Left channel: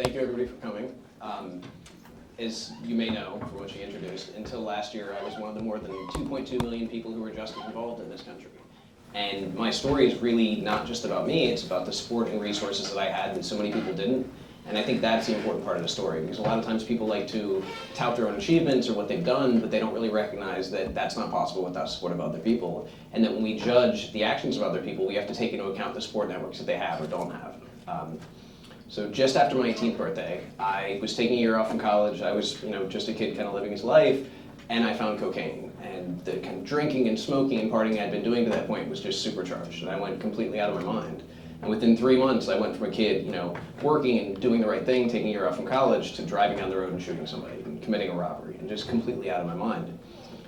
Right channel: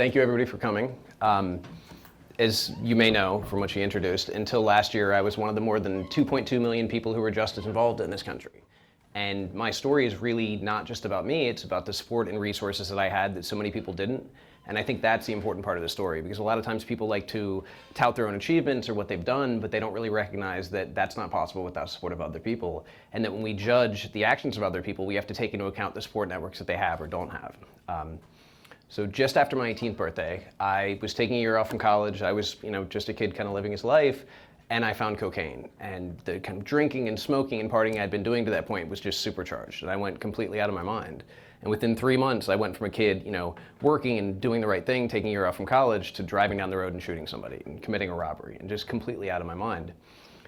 Thank you everybody for coming. As you may know from what she introduced, until last year I was one of the more than 2.2 million people who were justice involved in this country. And my story is really not just about me, it's about the support and resources that I had that so many people didn't. And I think that's the important part of the story, because a lot of times people like to tout their own achievements or what they've done, but they don't really recognize that that's not possible without support of other people. And that when we judge the actions of other people, we have to take into account the support networks that they have or don't have. So just after my 18th birthday, I was taking a year off from college. I was, just a kid kind of living his life, and I found cocaine. And the kind of drinking and smoking and partying I'd been doing to that point was just supercharged, and I went completely out of my mind. And within 3 months, I went from a kid, working and doing the right thing, taking a year off from college, to driving down the road and shooting somebody and committing a robbery, and just completely out of my mind.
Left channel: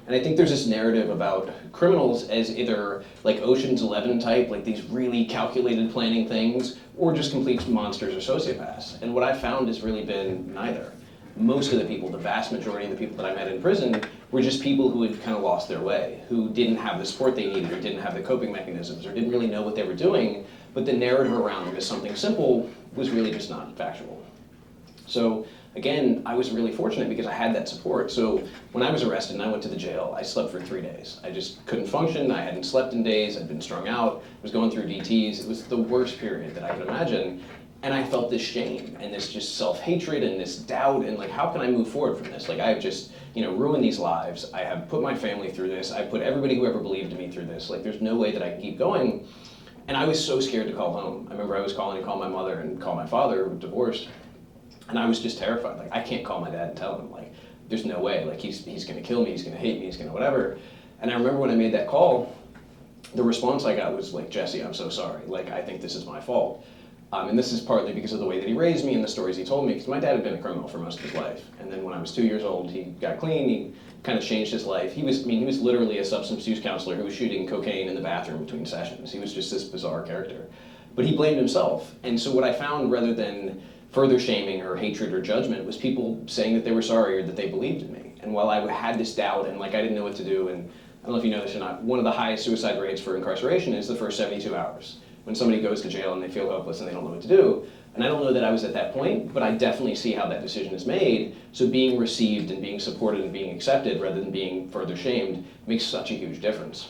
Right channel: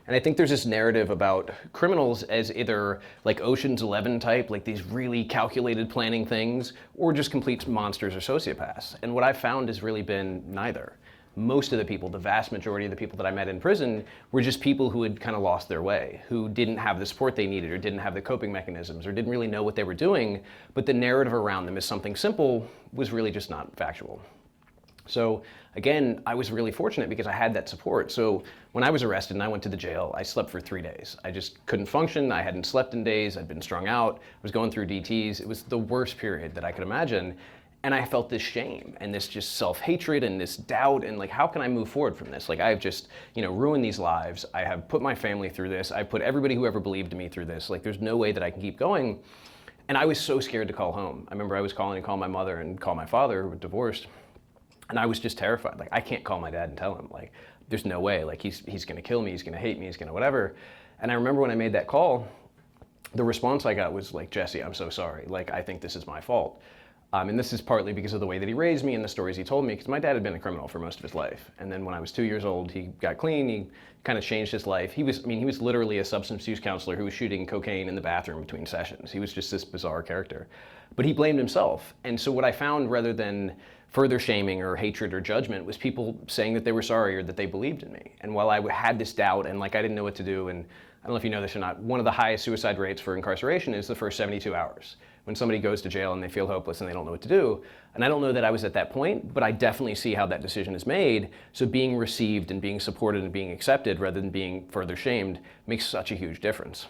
And I think there's this narrative about criminals as either like Ocean's 11 type, like these really calculated planning things, or just complete monsters or sociopaths. And what I found has really been neither. Most of the people, the vast majority of the people that I met in prison, were just people who had kind of lost their way, who didn't have the support they needed, or didn't have the coping mechanisms, or didn't really know what they were doing, but the narrative around them as something simple was really just not factual. So again, I was really fortunate because I had that support. So when I was arrested and I went to the jail, I slept for 3 days. I just couldn't function. I hadn't slept in days. I'd been strung out, was going through DTs. It was the worst period that I could imagine. And I felt this shame and this just self-hatred and this doubt and like, how can I move forward from this? Like, I have just, ruined these lives. I have put my family through this. I've put everybody who ever believed in me through this. Like, there's no way that I can keep going. And I was so scared to call home. I remember I was calling to call my mother and call my father, who was divorced. And I was just terrified. Like, I can't call my dad and tell him, like, there's no way. Like, he's gonna kill me, he's gonna hate me, he's gonna whatever. And I remember when I made that call, the response I got was like, Jesse, I'm so sorry. Like, I think this is my fault. And this is partly because of the way that he raised me and the stories he told me, because my dad had been a criminal for most of his life. And then when I was 2 years old, he got clean, he kind of changed his life. He was literally a substance use counselor who was shooting cocaine in the bathroom between sessions. He was just this bizarre character. But he blamed himself. And so what I found, rather than further shaming or hatred or judgment, was people saying that they were sorry or that they believed in me. And while I had this doubt and like I didn't know what to do, and I don't know if you know this or not, one of the highest suicide rates for incarceration is the first 72 hours. When somebody goes to jail and they feel hopeless and they don't know what to do. And I don't know that I was at that point, but I definitely see how that decision is made. So being received and being supported and being accepted rather than being further shamed makes such a huge difference.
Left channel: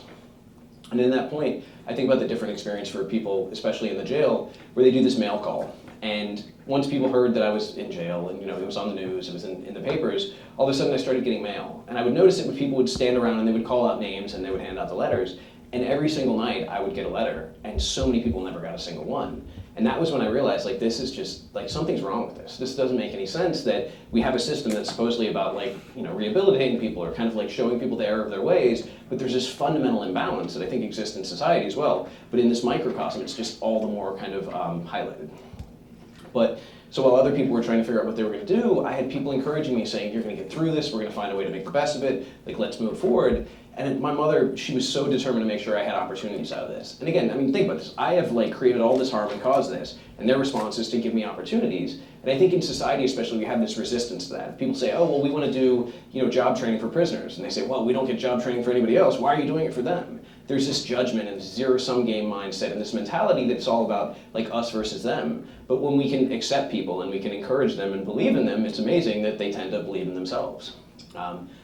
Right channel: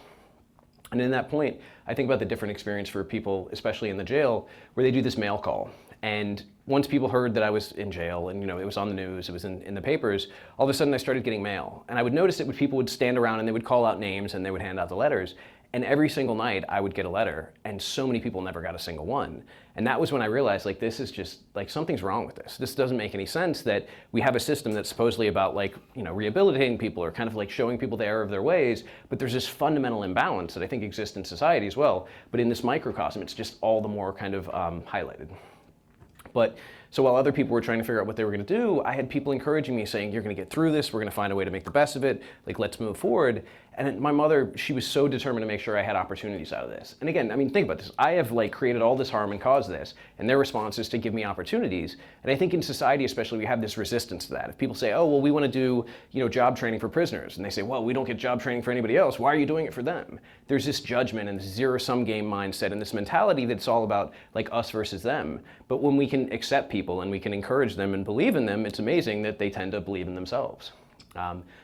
And in that point, I think about the different experience for people, especially in the jail, where they do this mail call. And once people heard that I was in jail and it was on the news, it was in the papers, all of a sudden I started getting mail. And I would notice it when people would stand around and they would call out names and they would hand out the letters. And every single night I would get a letter, and so many people never got a single one. And that was when I realized, like, this is just, like, something's wrong with this. This doesn't make any sense that we have a system that's supposedly about, like, rehabilitating people or kind of like showing people the error of their ways, but there's this fundamental imbalance that I think exists in society as well. But in this microcosm, it's just all the more kind of highlighted. But so while other people were trying to figure out what they were going to do, I had people encouraging me, saying, you're going to get through this, we're going to find a way to make the best of it, like, let's move forward. And my mother, she was so determined to make sure I had opportunities out of this. And again, think about this. I have created all this harm and caused this, and their response is to give me opportunities. And I think in society especially, we have this resistance to that. If people say, oh, well, we want to do job training for prisoners. And they say, well, we don't get job training for anybody else. Why are you doing it for them? There's this judgment and this zero-sum game mindset and this mentality that's all about us versus them. But when we can accept people and we can encourage them and believe in them, it's amazing that they tend to believe in themselves.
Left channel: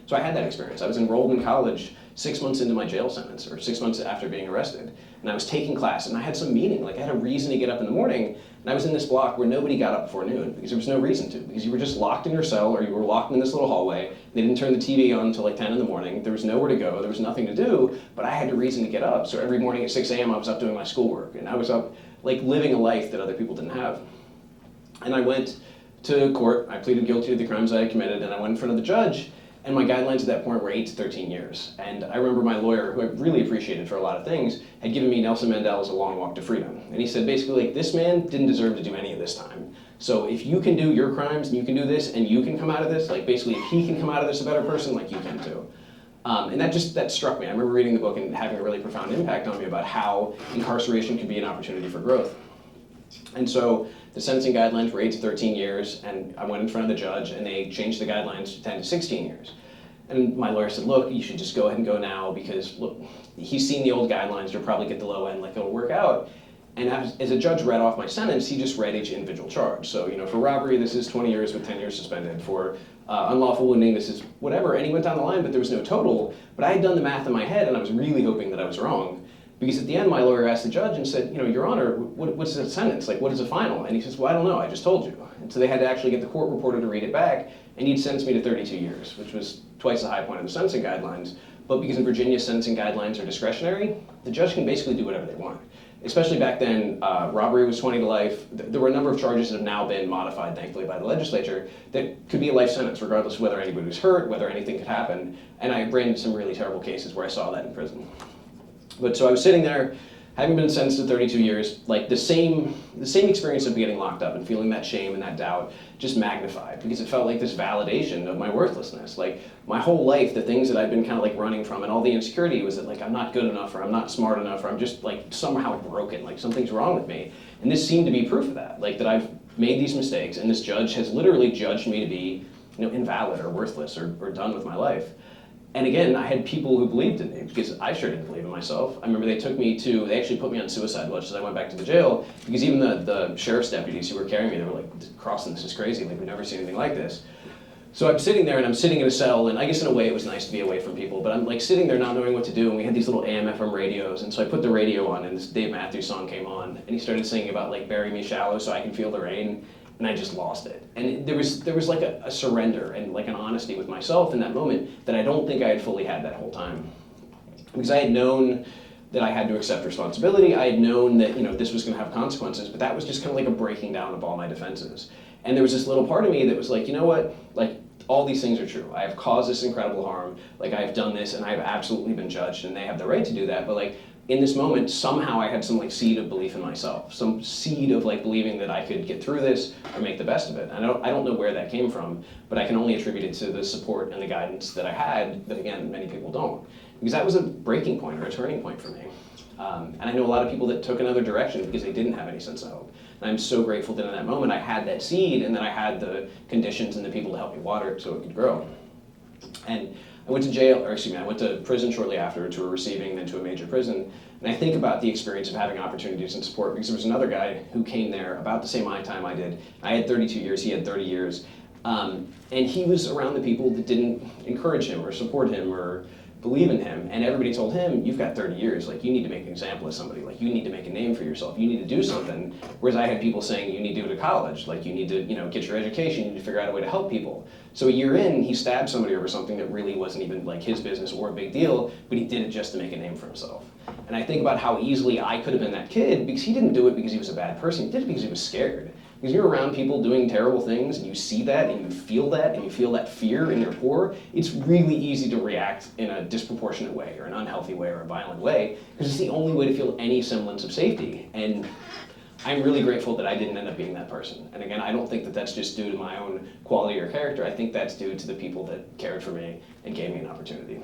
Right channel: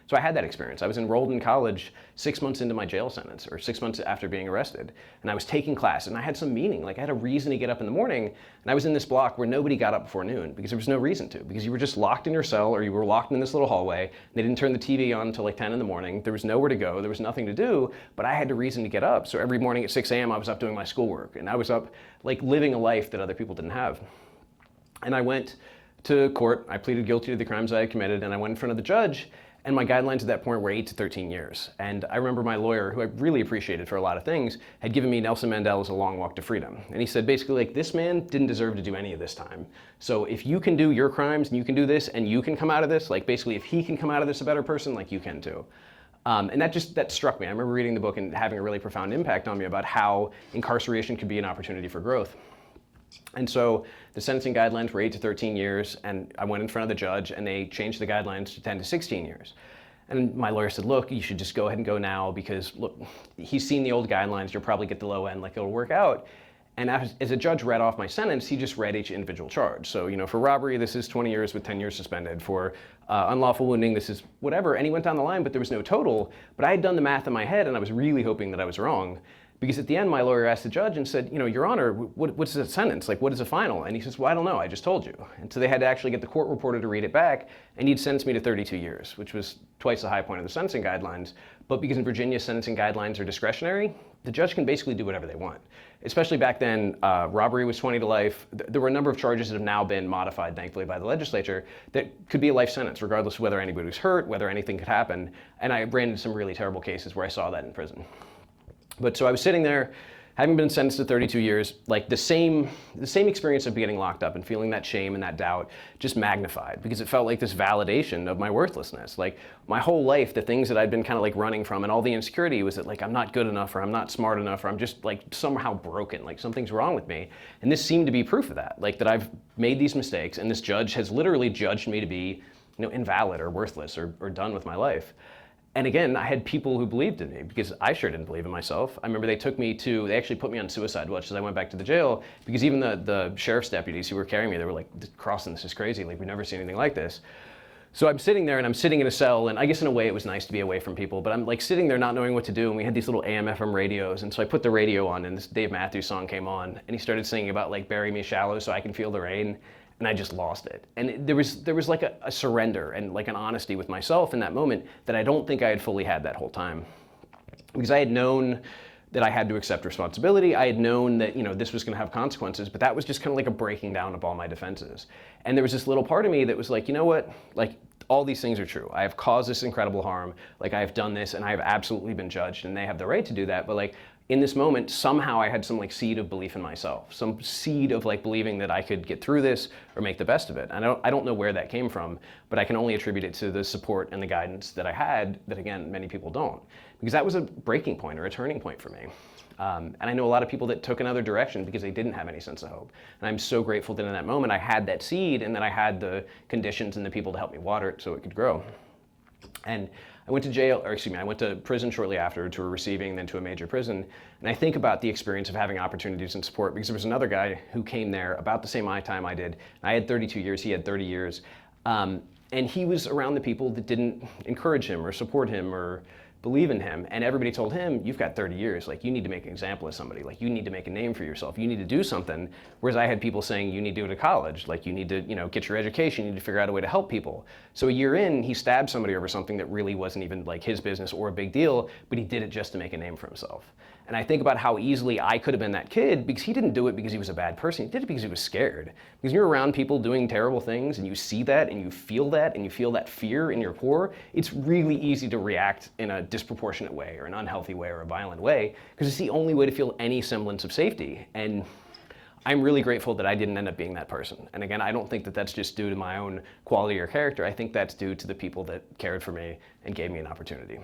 So I had that experience. I was enrolled in college 6 months into my jail sentence, or 6 months after being arrested. And I was taking class, and I had some meaning. I had a reason to get up in the morning, and I was in this block where nobody got up before noon, because there was no reason to, because you were just locked in your cell, or you were locked in this little hallway. They didn't turn the TV on until 10 in the morning. There was nowhere to go. There was nothing to do, but I had a reason to get up. So every morning at 6 a.m., I was up doing my schoolwork, and I was up living a life that other people didn't have. And I went to court. I pleaded guilty to the crimes I had committed, and I went in front of the judge. And my guidelines at that point were 8 to 13 years. And I remember my lawyer, who I really appreciated for a lot of things, had given me Nelson Mandela's A Long Walk to Freedom. And he said basically, this man didn't deserve to do any of this time. So if you can do your crimes and you can do this and you can come out of this, basically if he can come out of this a better person, you can too. And that struck me. I remember reading the book and having a really profound impact on me about how incarceration could be an opportunity for growth. And so the sentencing guidelines were 8 to 13 years, and I went in front of the judge, and they changed the guidelines to 10 to 16 years. And my lawyer said, look, you should just go ahead and go now, because look, he's seen the old guidelines, you'll probably get the low end, it'll work out. And as a judge read off my sentence, he just read each individual charge. So, for robbery, this is 20 years with 10 years suspended. For unlawful wounding, this is whatever. And he went down the line, but there was no total. But I had done the math in my head, and I was really hoping that I was wrong. Because at the end, my lawyer asked the judge and said, Your Honor, what's the sentence? Like, what is the final? And he says, well, I don't know. I just told you. And so they had to actually get the court reporter to read it back, and he'd sentenced me to 32 years, which was twice the high point of the sentencing guidelines. But because in Virginia, sentencing guidelines are discretionary, the judge can basically do whatever they want. Especially back then, robbery was 20 to life. There were a number of charges that have now been modified, thankfully, by the legislature that could be a life sentence, regardless of whether anybody was hurt, whether anything could happen. And I ran into some really terrible cases where I saw that in prison. But so I was sitting there, having been sentenced to 32 years, like the same experience of getting locked up and feeling that shame and that doubt just magnified, because it felt like this validation of my worthlessness. Like my whole life, the things that I've been kind of like running from and all the insecurity was that like I'm not good enough, or I'm not smart enough, or I'm just like somehow broken, like something's wrong with me. And this seemed to be proof of that, like that I've made these mistakes and this judge has literally judged me to be invalid or worthless or done with my life. And again, I had people who believed in me because I sure didn't believe in myself. I remember they actually put me on suicide watch as I went back to the jail, because even the sheriff's deputies who were carrying me, they were like, Crossan, this is crazy, like we've never seen anything like this. So I'm sitting there and I'm sitting in a cell, and I guess in a way it was nice to be away from people, but I'm like sitting there not knowing what to do, and we had these little AM/FM radios, and so I put the radio on and this Dave Matthews song came on, and he started singing about like bury me shallow so I can feel the rain. And I just lost it. And there was like a surrender and like an honesty with myself in that moment that I don't think I had fully had that whole time. Because I had known that I had to accept responsibility. I had known that this was going to have consequences, but that was just kind of like a breaking down of all my defenses. And there was this little part of me that was like, you know what? Like all these things are true. I have caused this incredible harm. Like I have done this, and I have absolutely been judged, and they have the right to do that. But like, in this moment, somehow I had some like seed of belief in myself, some seed of like believing that I could get through this or make the best of it. And I don't know where that came from, but I can only attribute it to the support and the guidance that I had, that again, many people don't. Because that was a breaking point or a turning point for me. And I know a lot of people that took another direction because they didn't have any sense of hope. And I'm so grateful that in that moment I had that seed, and that I had the conditions and the people to help me water it so it could grow. And I went to prison shortly after, to a receiving, then to a major prison. And I think about the experience of having opportunities and support, because there was another guy who came there about the same time I did. I had 32 years, he had 30 years. And he was around the people that didn't encourage him or support him or believe in him. And everybody told him, you've got 30 years, like you need to make an example of somebody, like you need to make a name for yourself, you need to do something. Whereas I had people saying, you need to go to college, like you need to get your education, you need to figure out a way to help people. So a year in, he stabbed somebody over something that really wasn't even like his business or a big deal, but he did it just to make a name for himself. And I think about how easily I could have been that kid, because he didn't do it because he was a bad person, he did it because he was scared. Because you're around people doing terrible things, and you see that, and you feel that fear in your core, it's really easy to react in a disproportionate way, or an unhealthy way, or a violent way, because it's the only way to feel any semblance of safety. And I'm really grateful that I didn't end up being that person. And again, I don't think that that's just due to my own quality or character. I think that's due to the people that cared for me and gave me an opportunity.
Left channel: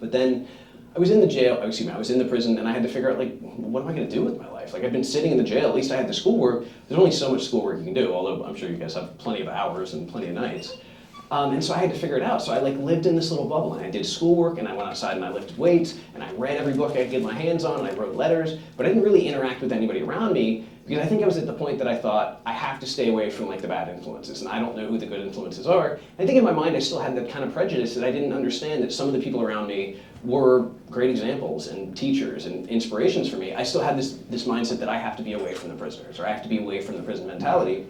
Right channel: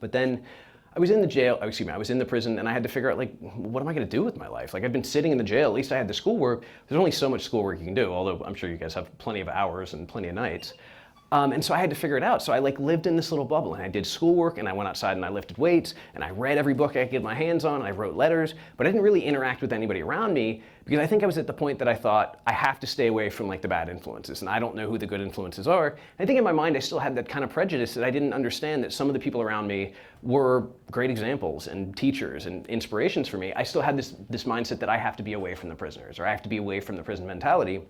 But then I was in the prison, and I had to figure out, like, what am I going to do with my life? Like, I've been sitting in the jail, at least I had the schoolwork. There's only so much schoolwork you can do, although I'm sure you guys have plenty of hours and plenty of nights. And so I had to figure it out. So I like lived in this little bubble, and I did schoolwork, and I went outside and I lifted weights, and I read every book I could get my hands on, and I wrote letters, but I didn't really interact with anybody around me, because I think I was at the point that I thought I have to stay away from like the bad influences, and I don't know who the good influences are. And I think in my mind I still had that kind of prejudice that I didn't understand that some of the people around me were great examples and teachers and inspirations for me. I still had this mindset that I have to be away from the prisoners, or I have to be away from the prison mentality.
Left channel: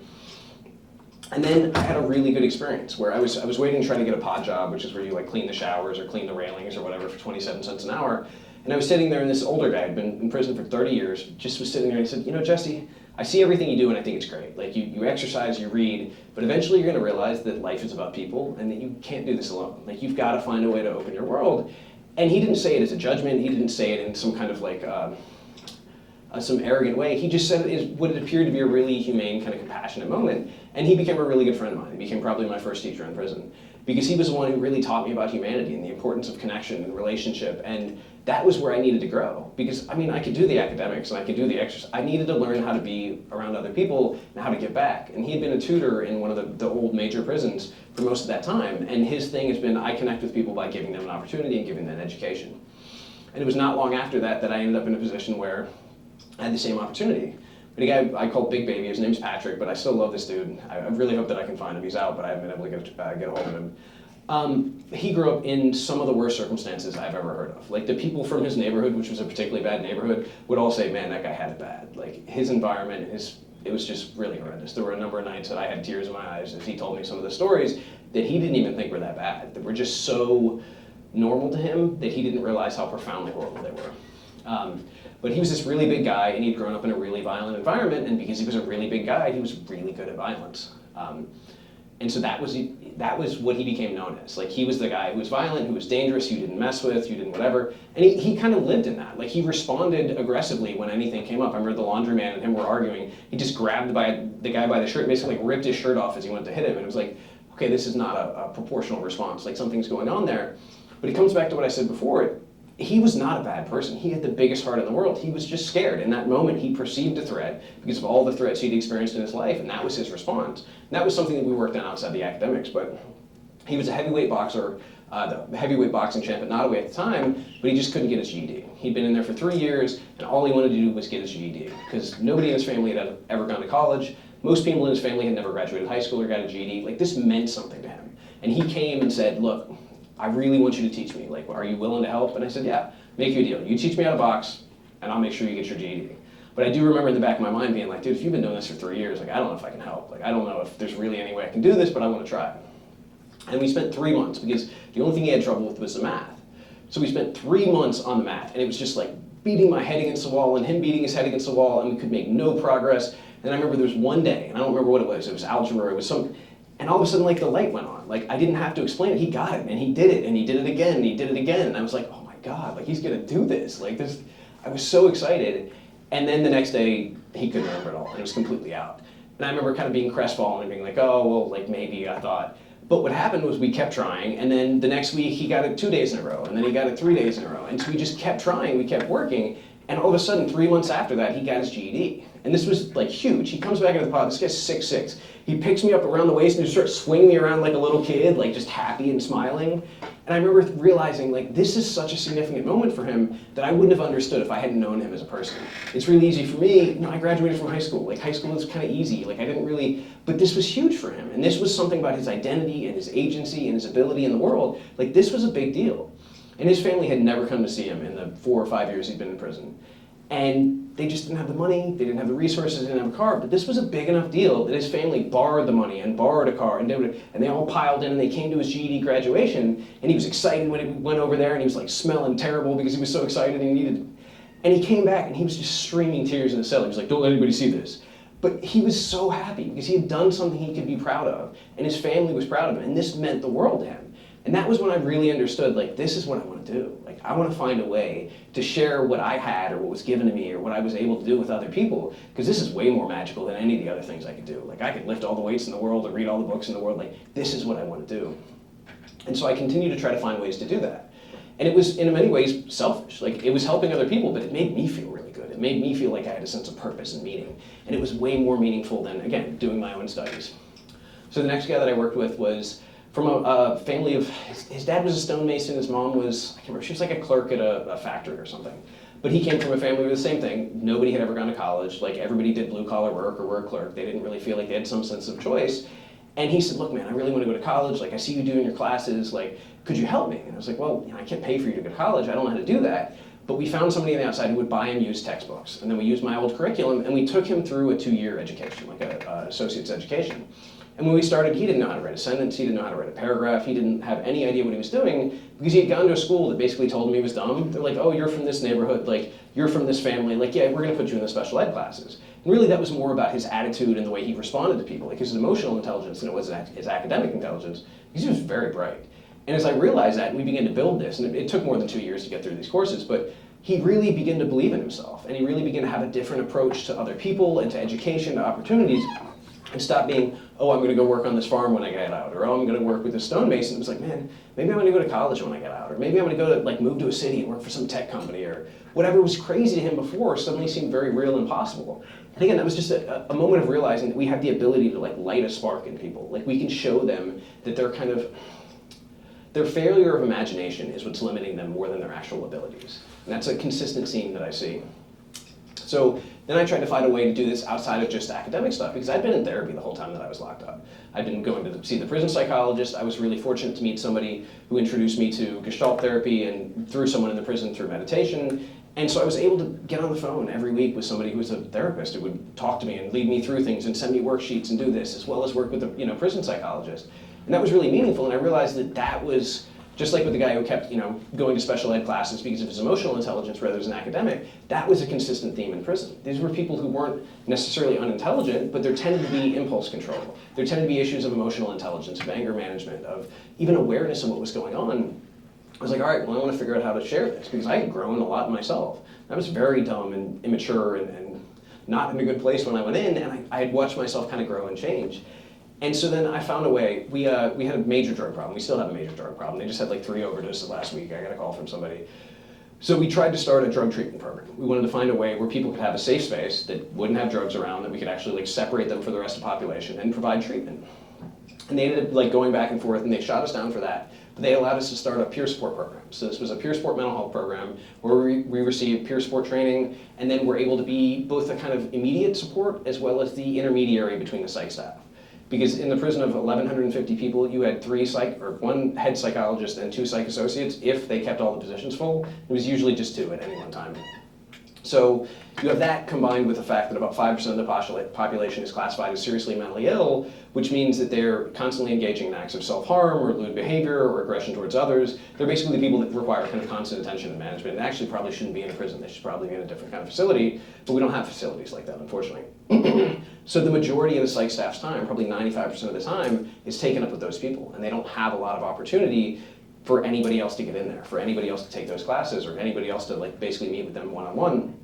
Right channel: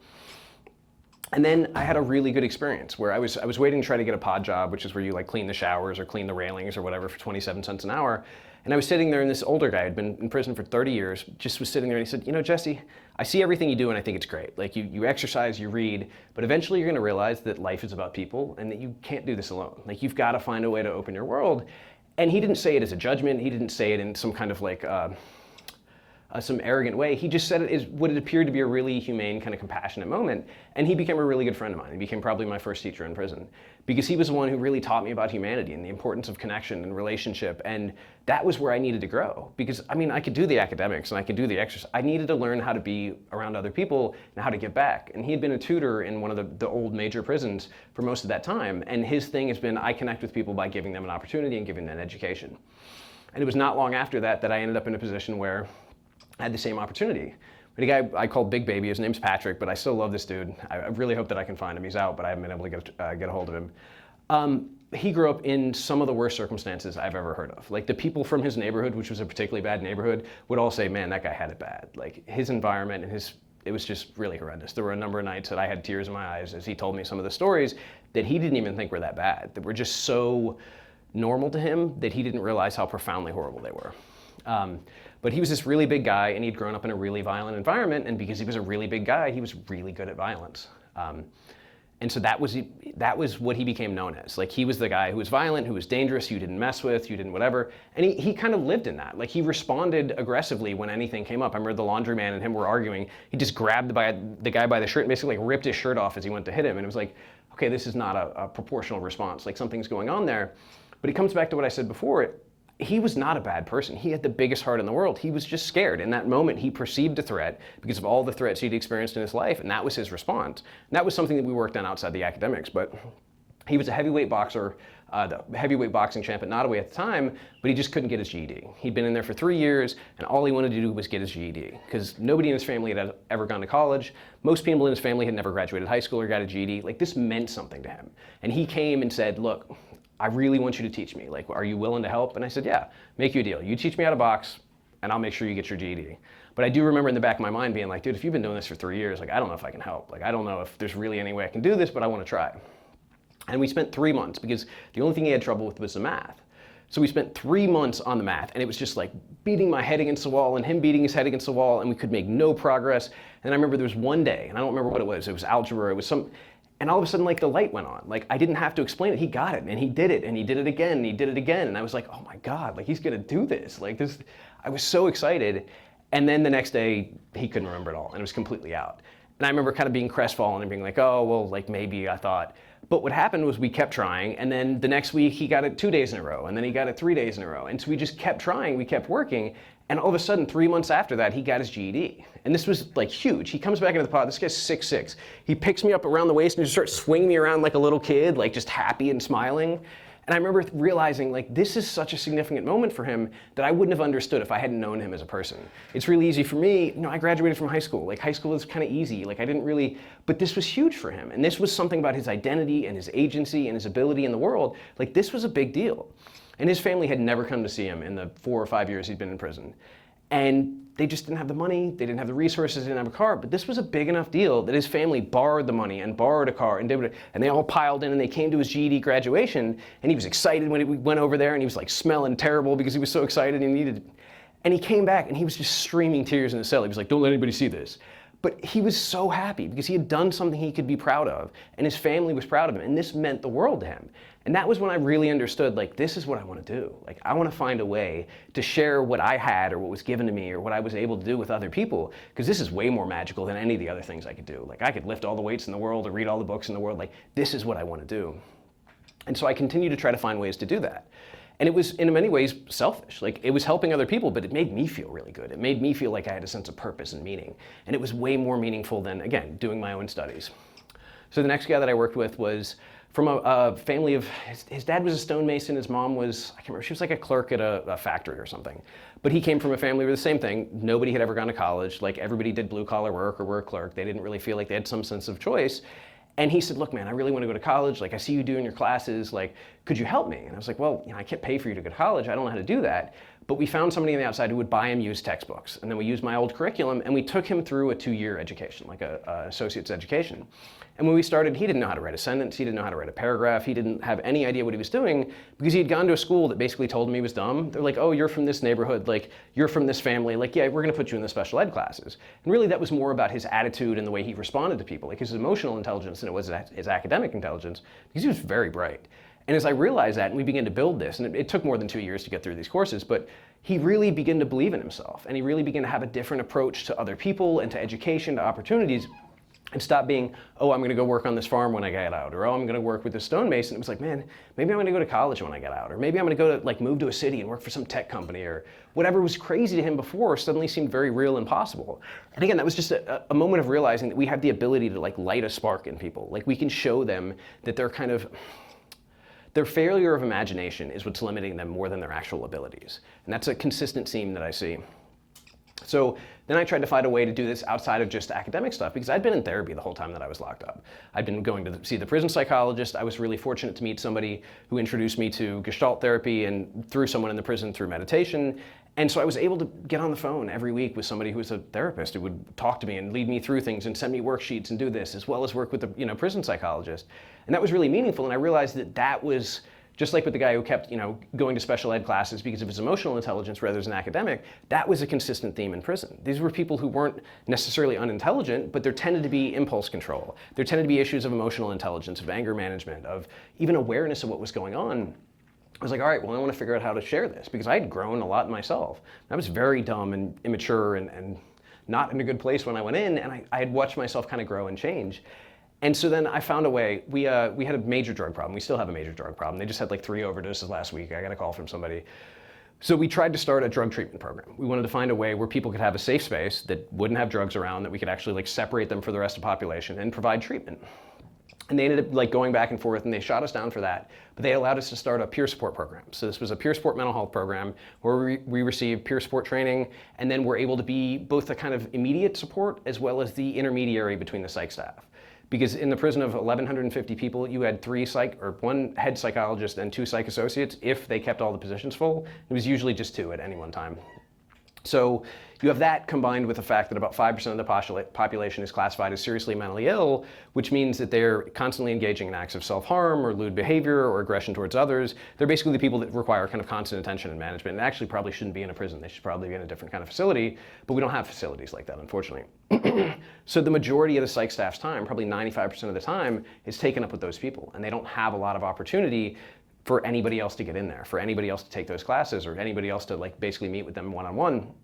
And then I had a really good experience where I was waiting to try to get a pod job, which is where you like clean the showers or clean the railings or whatever for 27 cents an hour. And I was sitting there, and this older guy had been in prison for 30 years, just was sitting there, and he said, Jesse, I see everything you do, and I think it's great. Like you exercise, you read, but eventually you're gonna realize that life is about people and that you can't do this alone. Like you've gotta find a way to open your world. And he didn't say it as a judgment, he didn't say it in some kind of like, some arrogant way. He just said it is what it appeared to be a really humane, kind of compassionate moment. And he became a really good friend of mine. He became probably my first teacher in prison, because he was the one who really taught me about humanity and the importance of connection and relationship. And that was where I needed to grow, because I could do the academics and I could do the exercise. I needed to learn how to be around other people and how to give back. And he had been a tutor in one of the old major prisons for most of that time. And his thing has been, I connect with people by giving them an opportunity and giving them an education. And it was not long after that that I ended up in a position where I had the same opportunity. But a guy I called Big Baby, his name's Patrick, but I still love this dude. I really hope that I can find him. He's out, but I haven't been able to get a hold of him. He grew up in some of the worst circumstances I've ever heard of. Like the people from his neighborhood, which was a particularly bad neighborhood, would all say, man, that guy had it bad. Like his environment and it was just really horrendous. There were a number of nights that I had tears in my eyes as he told me some of the stories that he didn't even think were that bad, that were just so normal to him that he didn't realize how profoundly horrible they were. But he was this really big guy, and he'd grown up in a really violent environment, and because he was a really big guy, he was really good at violence. And so that was what he became known as. Like he was the guy who was violent, who was dangerous, who you didn't mess with, you didn't whatever. And he kind of lived in that. Like he responded aggressively when anything came up. I remember the laundryman and him were arguing. He just grabbed the guy by the shirt and basically like ripped his shirt off as he went to hit him. And it was like, okay, this is not a proportional response. Like something's going on there. But it comes back to what I said before. He was not a bad person. He had the biggest heart in the world. He was just scared. In that moment, he perceived a threat because of all the threats he'd experienced in his life, and that was his response. And that was something that we worked on outside the academics, but he was a heavyweight boxer, the heavyweight boxing champ at Nottoway at the time, but he just couldn't get his GED. He'd been in there for 3 years, and all he wanted to do was get his GED, because nobody in his family had ever gone to college. Most people in his family had never graduated high school or got a GED. Like, this meant something to him. And he came and said, look, I really want you to teach me. Like, are you willing to help? And I said, yeah, make you a deal. You teach me how to box, and I'll make sure you get your GED. But I do remember in the back of my mind being like, dude, if you've been doing this for 3 years, like, I don't know if I can help. Like, I don't know if there's really any way I can do this, but I want to try. And we spent 3 months because the only thing he had trouble with was the math. So we spent 3 months on the math, and it was just like beating my head against the wall and him beating his head against the wall, and we could make no progress. And I remember there was one day, and I don't remember what it was algebra, it was some. And all of a sudden, like, the light went on. Like, I didn't have to explain it. He got it, and he did it, and he did it again, and he did it again. And I was like, oh my God, like, he's gonna do this. Like, this, I was so excited. And then the next day, he couldn't remember it all, and it was completely out. And I remember kind of being crestfallen and being like, oh, well, like, maybe, I thought. But what happened was we kept trying, and then the next week, he got it 2 days in a row, and then he got it 3 days in a row. And so we just kept trying, we kept working, and all of a sudden, 3 months after that, he got his GED. And this was like huge. He comes back into the pod, this guy's 6'6". He picks me up around the waist and just starts swinging me around like a little kid, like just happy and smiling. And I remember realizing, like, this is such a significant moment for him that I wouldn't have understood if I hadn't known him as a person. It's really easy for me, you know, I graduated from high school. Like, high school is kind of easy. Like, I didn't really, but this was huge for him. And this was something about his identity and his agency and his ability in the world. Like, this was a big deal. And his family had never come to see him in the 4 or 5 years he'd been in prison. And they just didn't have the money, they didn't have the resources, they didn't have a car, but this was a big enough deal that his family borrowed the money and borrowed a car and did it, and they all piled in and they came to his GED graduation, and he was excited when he went over there, and he was like smelling terrible because he was so excited and he needed, and he came back and he was just streaming tears in the cell. He was like, don't let anybody see this. But he was so happy because he had done something he could be proud of, and his family was proud of him, and this meant the world to him. And that was when I really understood, like, this is what I want to do. Like, I want to find a way to share what I had or what was given to me or what I was able to do with other people, because this is way more magical than any of the other things I could do. Like, I could lift all the weights in the world or read all the books in the world. Like, this is what I want to do. And so I continue to try to find ways to do that. And it was, in many ways, selfish. Like, it was helping other people, but it made me feel really good. It made me feel like I had a sense of purpose and meaning. And it was way more meaningful than, again, doing my own studies. So the next guy that I worked with was from a family of, his dad was a stonemason, his mom was, I can't remember, she was like a clerk at a factory or something. But he came from a family where the same thing, nobody had ever gone to college, like everybody did blue collar work or were a clerk. They didn't really feel like they had some sense of choice. And he said, look, man, I really want to go to college. Like, I see you doing your classes, like, could you help me? And I was like, well, you know, I can't pay for you to go to college. I don't know how to do that. But we found somebody on the outside who would buy him used textbooks. And then we used my old curriculum and we took him through a 2-year education, like an associate's education. And when we started, he didn't know how to write a sentence, he didn't know how to write a paragraph, he didn't have any idea what he was doing because he had gone to a school that basically told him he was dumb. They're like, oh, you're from this neighborhood, like, you're from this family, like, yeah, we're gonna put you in the special ed classes. And really that was more about his attitude and the way he responded to people, like his emotional intelligence than it was his academic intelligence, because he was very bright. And as I realized that, and we began to build this, and it took more than 2 years to get through these courses, but he really began to believe in himself, and he really began to have a different approach to other people and to education, to opportunities, and stop being, oh, I'm gonna go work on this farm when I get out, or oh, I'm gonna work with this stonemason. It was like, man, maybe I'm gonna go to college when I get out, or maybe I'm gonna go to, like, move to a city and work for some tech company, or whatever was crazy to him before suddenly seemed very real and possible. And again, that was just a moment of realizing that we have the ability to, like, light a spark in people. Like, we can show them that they're kind of, their failure of imagination is what's limiting them more than their actual abilities. And that's a consistent theme that I see. So then I tried to find a way to do this outside of just academic stuff, because I'd been in therapy the whole time that I was locked up. I'd been going to see the prison psychologist. I was really fortunate to meet somebody who introduced me to Gestalt therapy and through someone in the prison through meditation. And so I was able to get on the phone every week with somebody who was a therapist who would talk to me and lead me through things and send me worksheets and do this, as well as work with the prison psychologist. And that was really meaningful, and I realized that that was, just like with the guy who kept going to special ed classes because of his emotional intelligence rather than academic, that was a consistent theme in prison. These were people who weren't necessarily unintelligent, but there tended to be impulse control. There tended to be issues of emotional intelligence, of anger management, of even awareness of what was going on. I was like, all right, well, I want to figure out how to share this, because I had grown a lot myself. I was very dumb and immature and not in a good place when I went in, and I had watched myself kind of grow and change. And so then I found a way. We had a major drug problem. We still have a major drug problem. They just had like 3 overdoses last week. I got a call from somebody. So we tried to start a drug treatment program. We wanted to find a way where people could have a safe space that wouldn't have drugs around, that we could actually like separate them from the rest of the population and provide treatment. And they ended up like going back and forth, and they shot us down for that. But they allowed us to start a peer support program. So this was a peer support mental health program where we received peer support training, and then we're able to be both the kind of immediate support as well as the intermediary between the psych staff. Because in the prison of 1,150 people, you had 1 head psychologist and 2 psych associates if they kept all the positions full. It was usually just 2 at any one time. So you have that combined with the fact that about 5% of the population is classified as seriously mentally ill, which means that they're constantly engaging in acts of self-harm or lewd behavior or aggression towards others. They're basically the people that require kind of constant attention and management, and actually probably shouldn't be in a prison. They should probably be in a different kind of facility, but we don't have facilities like that, unfortunately. So the majority of the psych staff's time, probably 95% of the time, is taken up with those people, and they don't have a lot of opportunity for anybody else to get in there, for anybody else to take those classes, or anybody else to like basically meet with them one-on-one.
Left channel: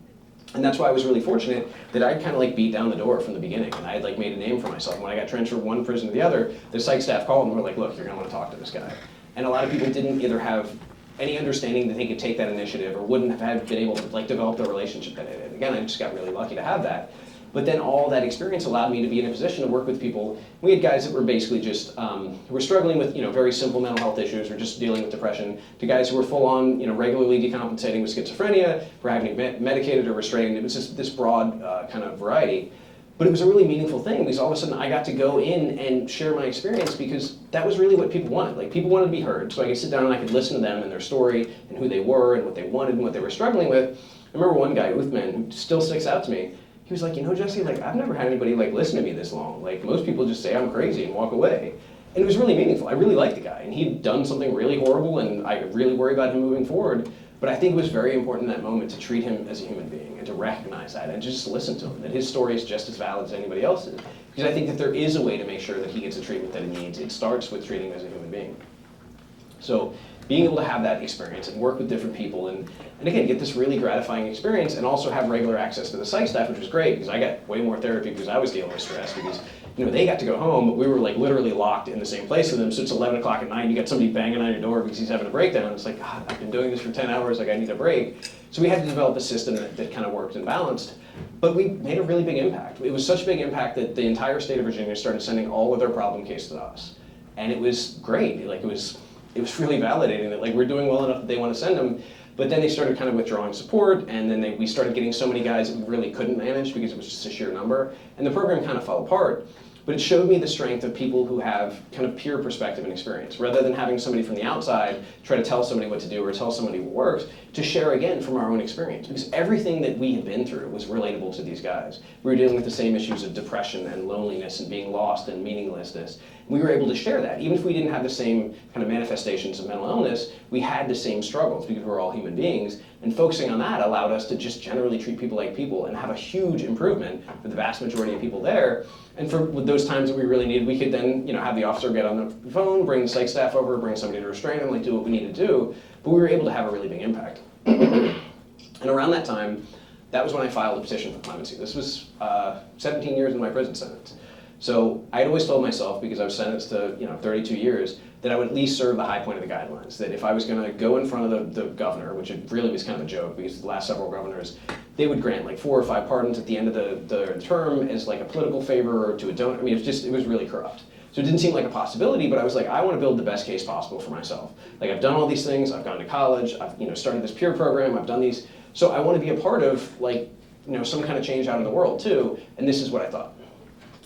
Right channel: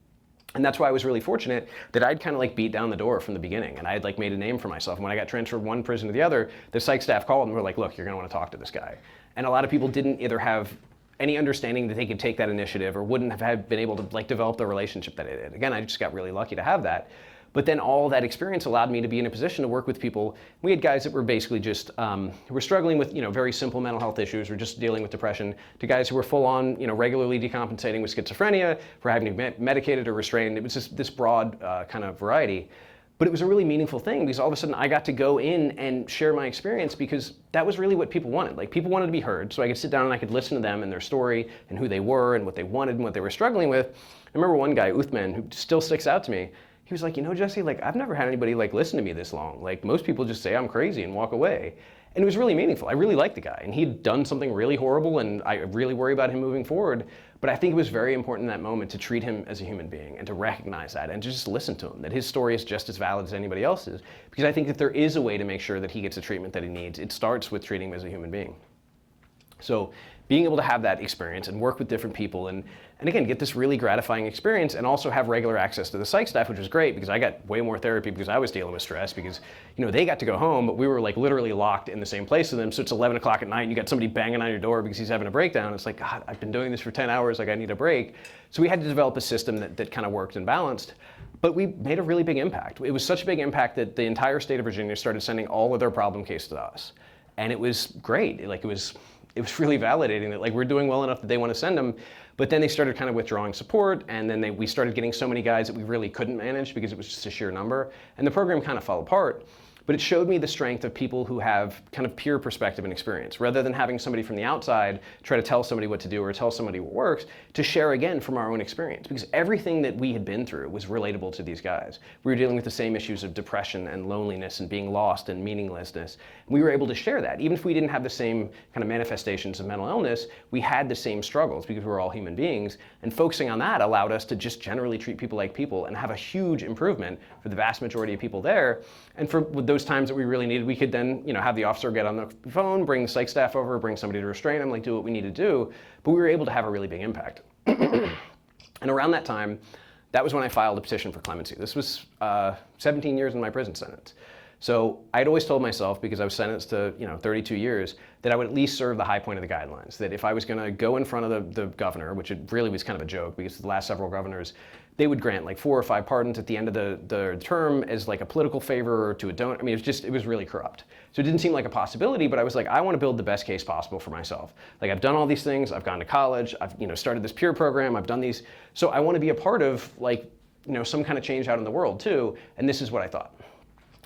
And that's why I was really fortunate that I'd kind of like beat down the door from the beginning, and I had like made a name for myself. When I got transferred from one prison to the other, the psych staff called and were like, look, you're gonna wanna talk to this guy. And a lot of people didn't either have any understanding that they could take that initiative or wouldn't have been able to like develop the relationship that I did. Again, I just got really lucky to have that. But then all that experience allowed me to be in a position to work with people. We had guys that were basically just, who were struggling with very simple mental health issues or just dealing with depression, to guys who were full on, regularly decompensating with schizophrenia, for having to be medicated or restrained. It was just this broad kind of variety. But it was a really meaningful thing, because all of a sudden I got to go in and share my experience, because that was really what people wanted. Like, people wanted to be heard, so I could sit down and I could listen to them and their story and who they were and what they wanted and what they were struggling with. I remember one guy, Uthman, who still sticks out to me. He was like, Jesse, like, I've never had anybody like listen to me this long. Like, most people just say I'm crazy and walk away. And it was really meaningful. I really liked the guy, and he'd done something really horrible, and I really worry about him moving forward. But I think it was very important in that moment to treat him as a human being and to recognize that and to just listen to him, that his story is just as valid as anybody else's. Because I think that there is a way to make sure that he gets the treatment that he needs. It starts with treating him as a human being. So being able to have that experience and work with different people and again, get this really gratifying experience and also have regular access to the psych staff, which was great, because I got way more therapy because I was dealing with stress, because they got to go home, but we were like literally locked in the same place with them. So it's 11 o'clock at night and you got somebody banging on your door because he's having a breakdown. It's like, God, I've been doing this for 10 hours, like I need a break. So we had to develop a system that kind of worked and balanced, but we made a really big impact. It was such a big impact that the entire state of Virginia started sending all of their problem cases to us. And it was great. Like, it was really validating that like we're doing well enough that they want to send them. But then they started kind of withdrawing support, and then we started getting so many guys that we really couldn't manage because it was just a sheer number. And the program kind of fell apart. But it showed me the strength of people who have kind of peer perspective and experience, rather than having somebody from the outside try to tell somebody what to do or tell somebody what works, to share again from our own experience. Because everything that we had been through was relatable to these guys. We were dealing with the same issues of depression and loneliness and being lost and meaninglessness. We were able to share that. Even if we didn't have the same kind of manifestations of mental illness, we had the same struggles because we're all human beings. And focusing on that allowed us to just generally treat people like people and have a huge improvement for the vast majority of people there. And for those times that we really needed, we could then, have the officer get on the phone, bring the psych staff over, bring somebody to restrain them, like do what we need to do. But we were able to have a really big impact. And around that time, that was when I filed a petition for clemency. This was 17 years in my prison sentence. So I'd always told myself, because I was sentenced to 32 years, that I would at least serve the high point of the guidelines. That if I was going to go in front of the governor, which it really was kind of a joke, because the last several governors, they would grant like 4 or 5 pardons at the end of the term as like a political favor or to a donor. I mean, it was really corrupt. So it didn't seem like a possibility, but I was like, I want to build the best case possible for myself. Like, I've done all these things, I've gone to college, I've started this peer program, I've done these. So I want to be a part of like some kind of change out in the world too, and this is what I thought.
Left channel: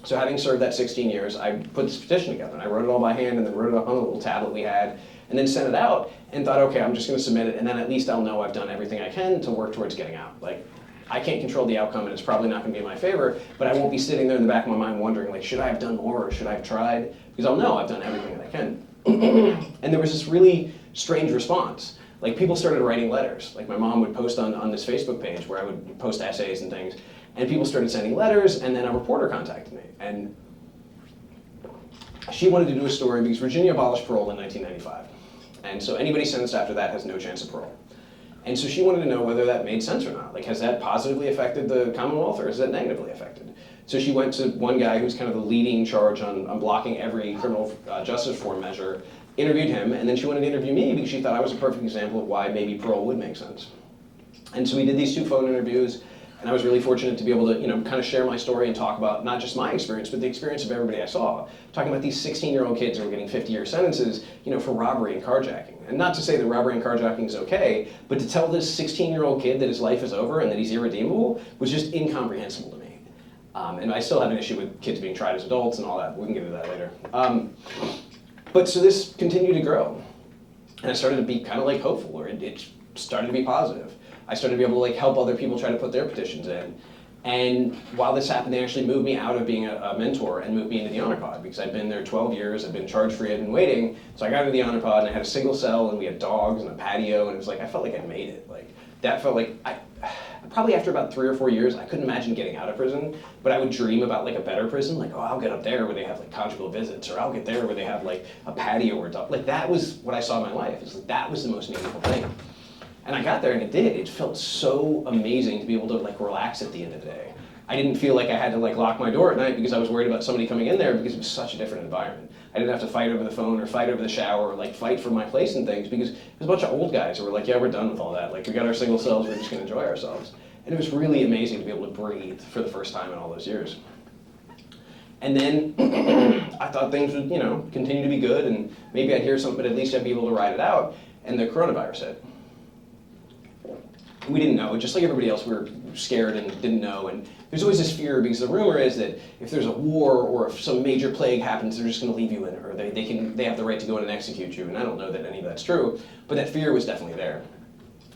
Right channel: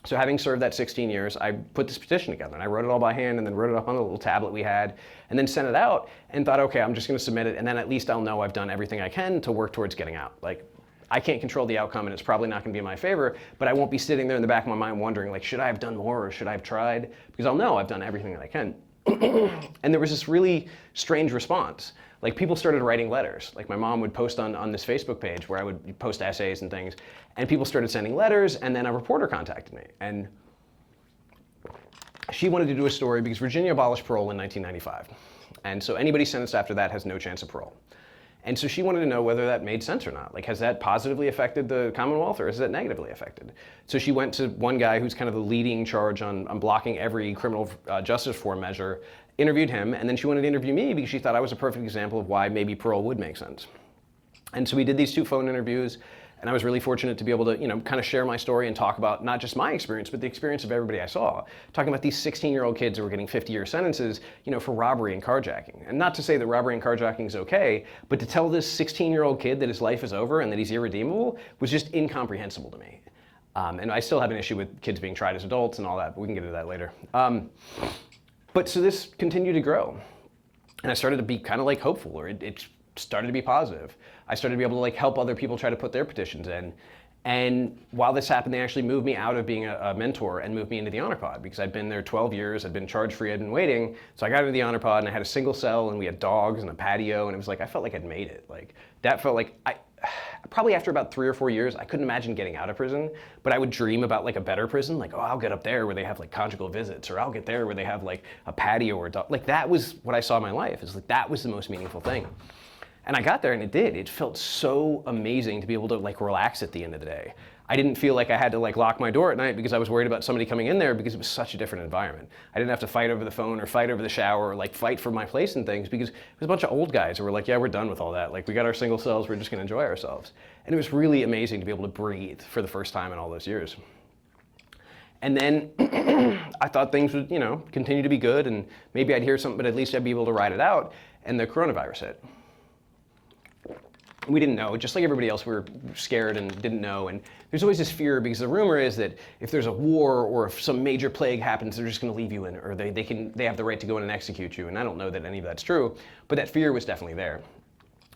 So having served that 16 years, I put this petition together, and I wrote it all by hand, and then wrote it up on the little tablet we had, and then sent it out, and thought, okay, I'm just going to submit it, and then at least I'll know I've done everything I can to work towards getting out. Like, I can't control the outcome, and it's probably not going to be in my favor, but I won't be sitting there in the back of my mind wondering, like, should I have done more, or should I have tried? Because I'll know I've done everything that I can. And there was this really strange response. Like, people started writing letters. Like, my mom would post on this Facebook page where I would post essays and things, and people started sending letters, and then a reporter contacted me. And she wanted to do a story because Virginia abolished parole in 1995. And so anybody sentenced after that has no chance of parole. And so she wanted to know whether that made sense or not. Like, has that positively affected the Commonwealth, or has that negatively affected? So she went to one guy who's kind of the leading charge on blocking every criminal justice reform measure, interviewed him, and then she wanted to interview me because she thought I was a perfect example of why maybe parole would make sense. And so we did these 2 phone interviews, and I was really fortunate to be able to, kind of share my story and talk about not just my experience, but the experience of everybody I saw. Talking about these 16-year-old kids who were getting 50-year sentences, for robbery and carjacking. And not to say that robbery and carjacking is okay, but to tell this 16-year-old kid that his life is over and that he's irredeemable was just incomprehensible to me. And I still have an issue with kids being tried as adults and all that. We can get into that later. But so this continued to grow. And I started to be kind of like hopeful, or it started to be positive. I started to be able to like help other people try to put their petitions in. And while this happened, they actually moved me out of being a mentor and moved me into the honor pod, because I'd been there 12 years, I'd been charge-free, I'd been waiting. So I got into the honor pod, and I had a single cell, and we had dogs and a patio, and it was like, I felt like I'd made it. Like, that felt like, probably after about 3 or 4 years, I couldn't imagine getting out of prison, but I would dream about like a better prison, like, oh, I'll get up there where they have like conjugal visits, or I'll get there where they have like a patio or like, that was what I saw in my life. It's like, that was the most meaningful thing. And I got there, and it did. It felt so amazing to be able to like relax at the end of the day. I didn't feel like I had to like lock my door at night because I was worried about somebody coming in there, because it was such a different environment. I didn't have to fight over the phone or fight over the shower or like fight for my place and things, because there's a bunch of old guys who were like, yeah, we're done with all that. Like, we got our single cells, we're just gonna enjoy ourselves. And it was really amazing to be able to breathe for the first time in all those years. And then I thought things would, continue to be good, and maybe I'd hear something, but at least I'd be able to ride it out. And the coronavirus hit. We didn't know, just like everybody else, we were scared and didn't know. And there's always this fear, because the rumor is that if there's a war or if some major plague happens, they're just going to leave you in, or they have the right to go in and execute you. And I don't know that any of that's true, but that fear was definitely there.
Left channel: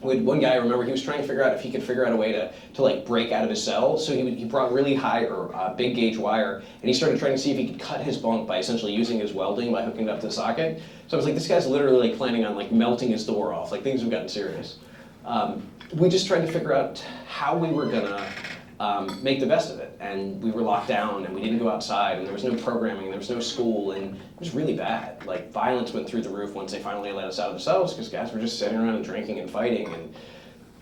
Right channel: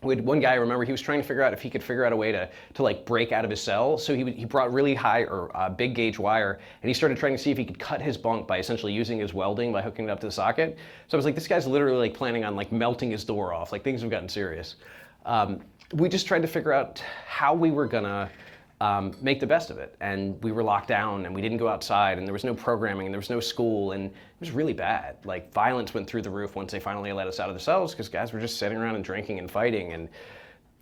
We had one guy, I remember, he was trying to figure out if he could figure out a way to like break out of his cell. So he brought really high or big gauge wire, and he started trying to see if he could cut his bunk by essentially using his welding by hooking it up to the socket. So I was like, this guy's literally like planning on like melting his door off. Like, things have gotten serious. We just tried to figure out how we were gonna make the best of it. And we were locked down, and we didn't go outside, and there was no programming, and there was no school, and it was really bad. Like, violence went through the roof once they finally let us out of the cells, because guys were just sitting around and drinking and fighting, and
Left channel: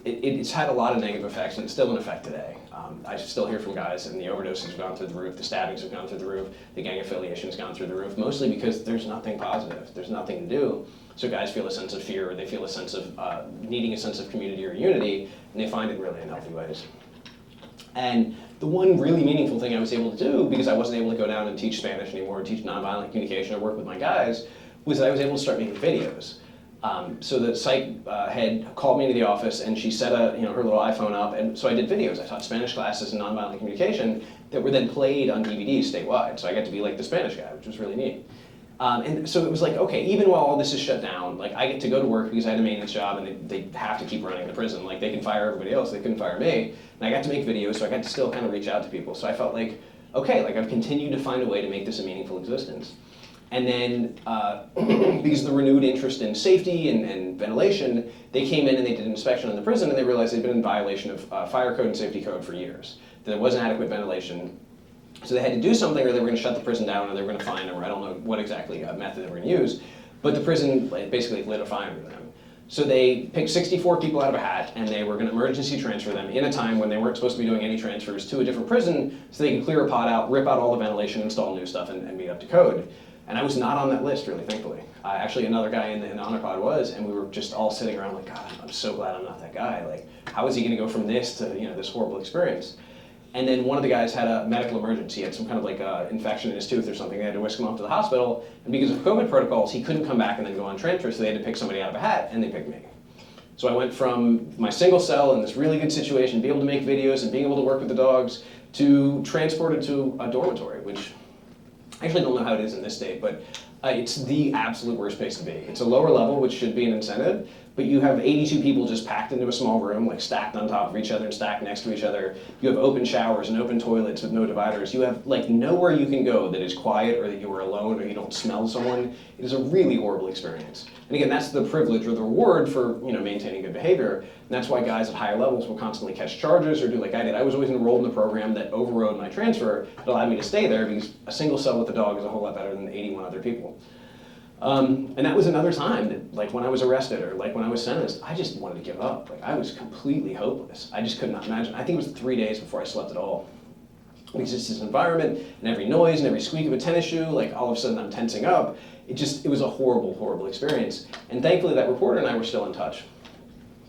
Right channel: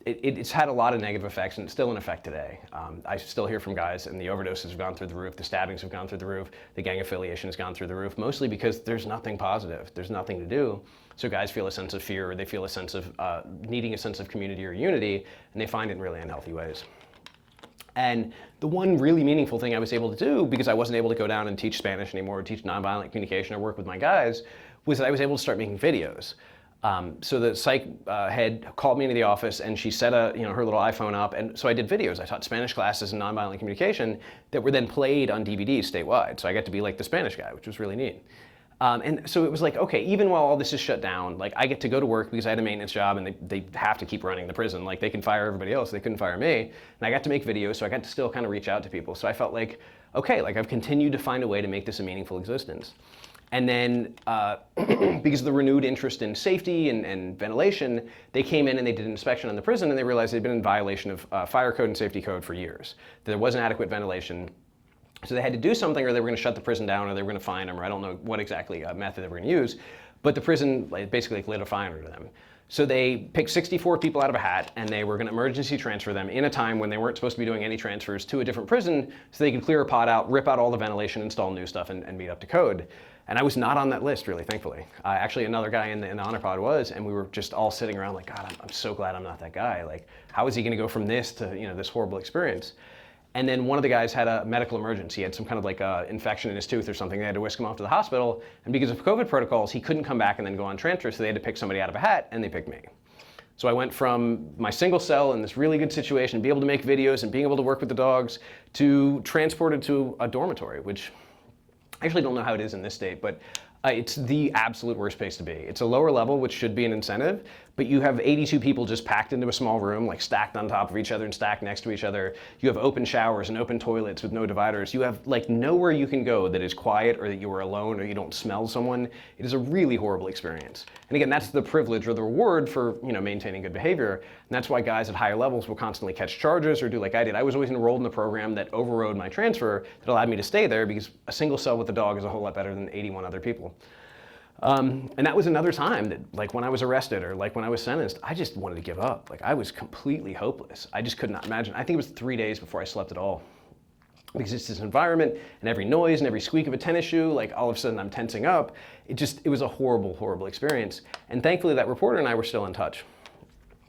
it's had a lot of negative effects, and it's still in effect today. I still hear from guys, and the overdoses have gone through the roof, the stabbings have gone through the roof, the gang affiliation has gone through the roof, mostly because there's nothing positive, there's nothing to do. So guys feel a sense of fear, or they feel a sense of needing a sense of community or unity, and they find it in really unhealthy ways. And the one really meaningful thing I was able to do, because I wasn't able to go down and teach Spanish anymore, or teach nonviolent communication, or work with my guys, was that I was able to start making videos. So the psych head called me into the office, and she set her little iPhone up, and so I did videos. I taught Spanish classes in nonviolent communication that were then played on DVDs statewide. So I got to be like the Spanish guy, which was really neat. And so it was like, okay, even while all this is shut down, like, I get to go to work because I had a maintenance job, and they have to keep running the prison. Like, they can fire everybody else, they couldn't fire me. And I got to make videos, so I got to still kind of reach out to people. So I felt like, okay, like, I've continued to find a way to make this a meaningful existence. And then, because of the renewed interest in safety and ventilation, they came in and they did an inspection on the prison, and they realized they'd been in violation of fire code and safety code for years. There wasn't adequate ventilation. So they had to do something, or they were going to shut the prison down, or they were going to fine them, or I don't know what exactly method they were going to use. But the prison basically lit a fire under them. So they picked 64 people out of a hat, and they were going to emergency transfer them in a time when they weren't supposed to be doing any transfers to a different prison, so they could clear a pod out, rip out all the ventilation, install new stuff, and be up to code. And I was not on that list, really, thankfully. Actually, another guy in the honor pod was, and we were just all sitting around like, God, I'm so glad I'm not that guy. Like, how is he going to go from this to this horrible experience? And then one of the guys had a medical emergency. He had some kind of like infection in his tooth or something. They had to whisk him off to the hospital. And because of COVID protocols, he couldn't come back and then go on transfer, so they had to pick somebody out of a hat, and they picked me. So I went from my single cell in this really good situation, be able to make videos and being able to work with the dogs, to transported to a dormitory, which I actually don't know how it is in this state, but it's the absolute worst place to be. It's a lower level, which should be an incentive, but you have 82 people just packed into a small room, like stacked on top of each other and stacked next to each other. You have open showers and open toilets with no dividers. You have like nowhere you can go that is quiet or that you are alone or you don't smell someone. It is a really horrible experience. And again, that's the privilege or the reward for maintaining good behavior. And that's why guys at higher levels will constantly catch charges or do like I did. I was always enrolled in a program that overrode my transfer that allowed me to stay there because a single cell with a dog is a whole lot better than 81 other people. And that was another time that, like when I was arrested or like when I was sentenced, I just wanted to give up. Like I was completely hopeless. I just could not imagine. I think it was 3 days before I slept at all. Because it's this environment and every noise and every squeak of a tennis shoe, like all of a sudden I'm tensing up. It was a horrible, horrible experience. And thankfully that reporter and I were still in touch.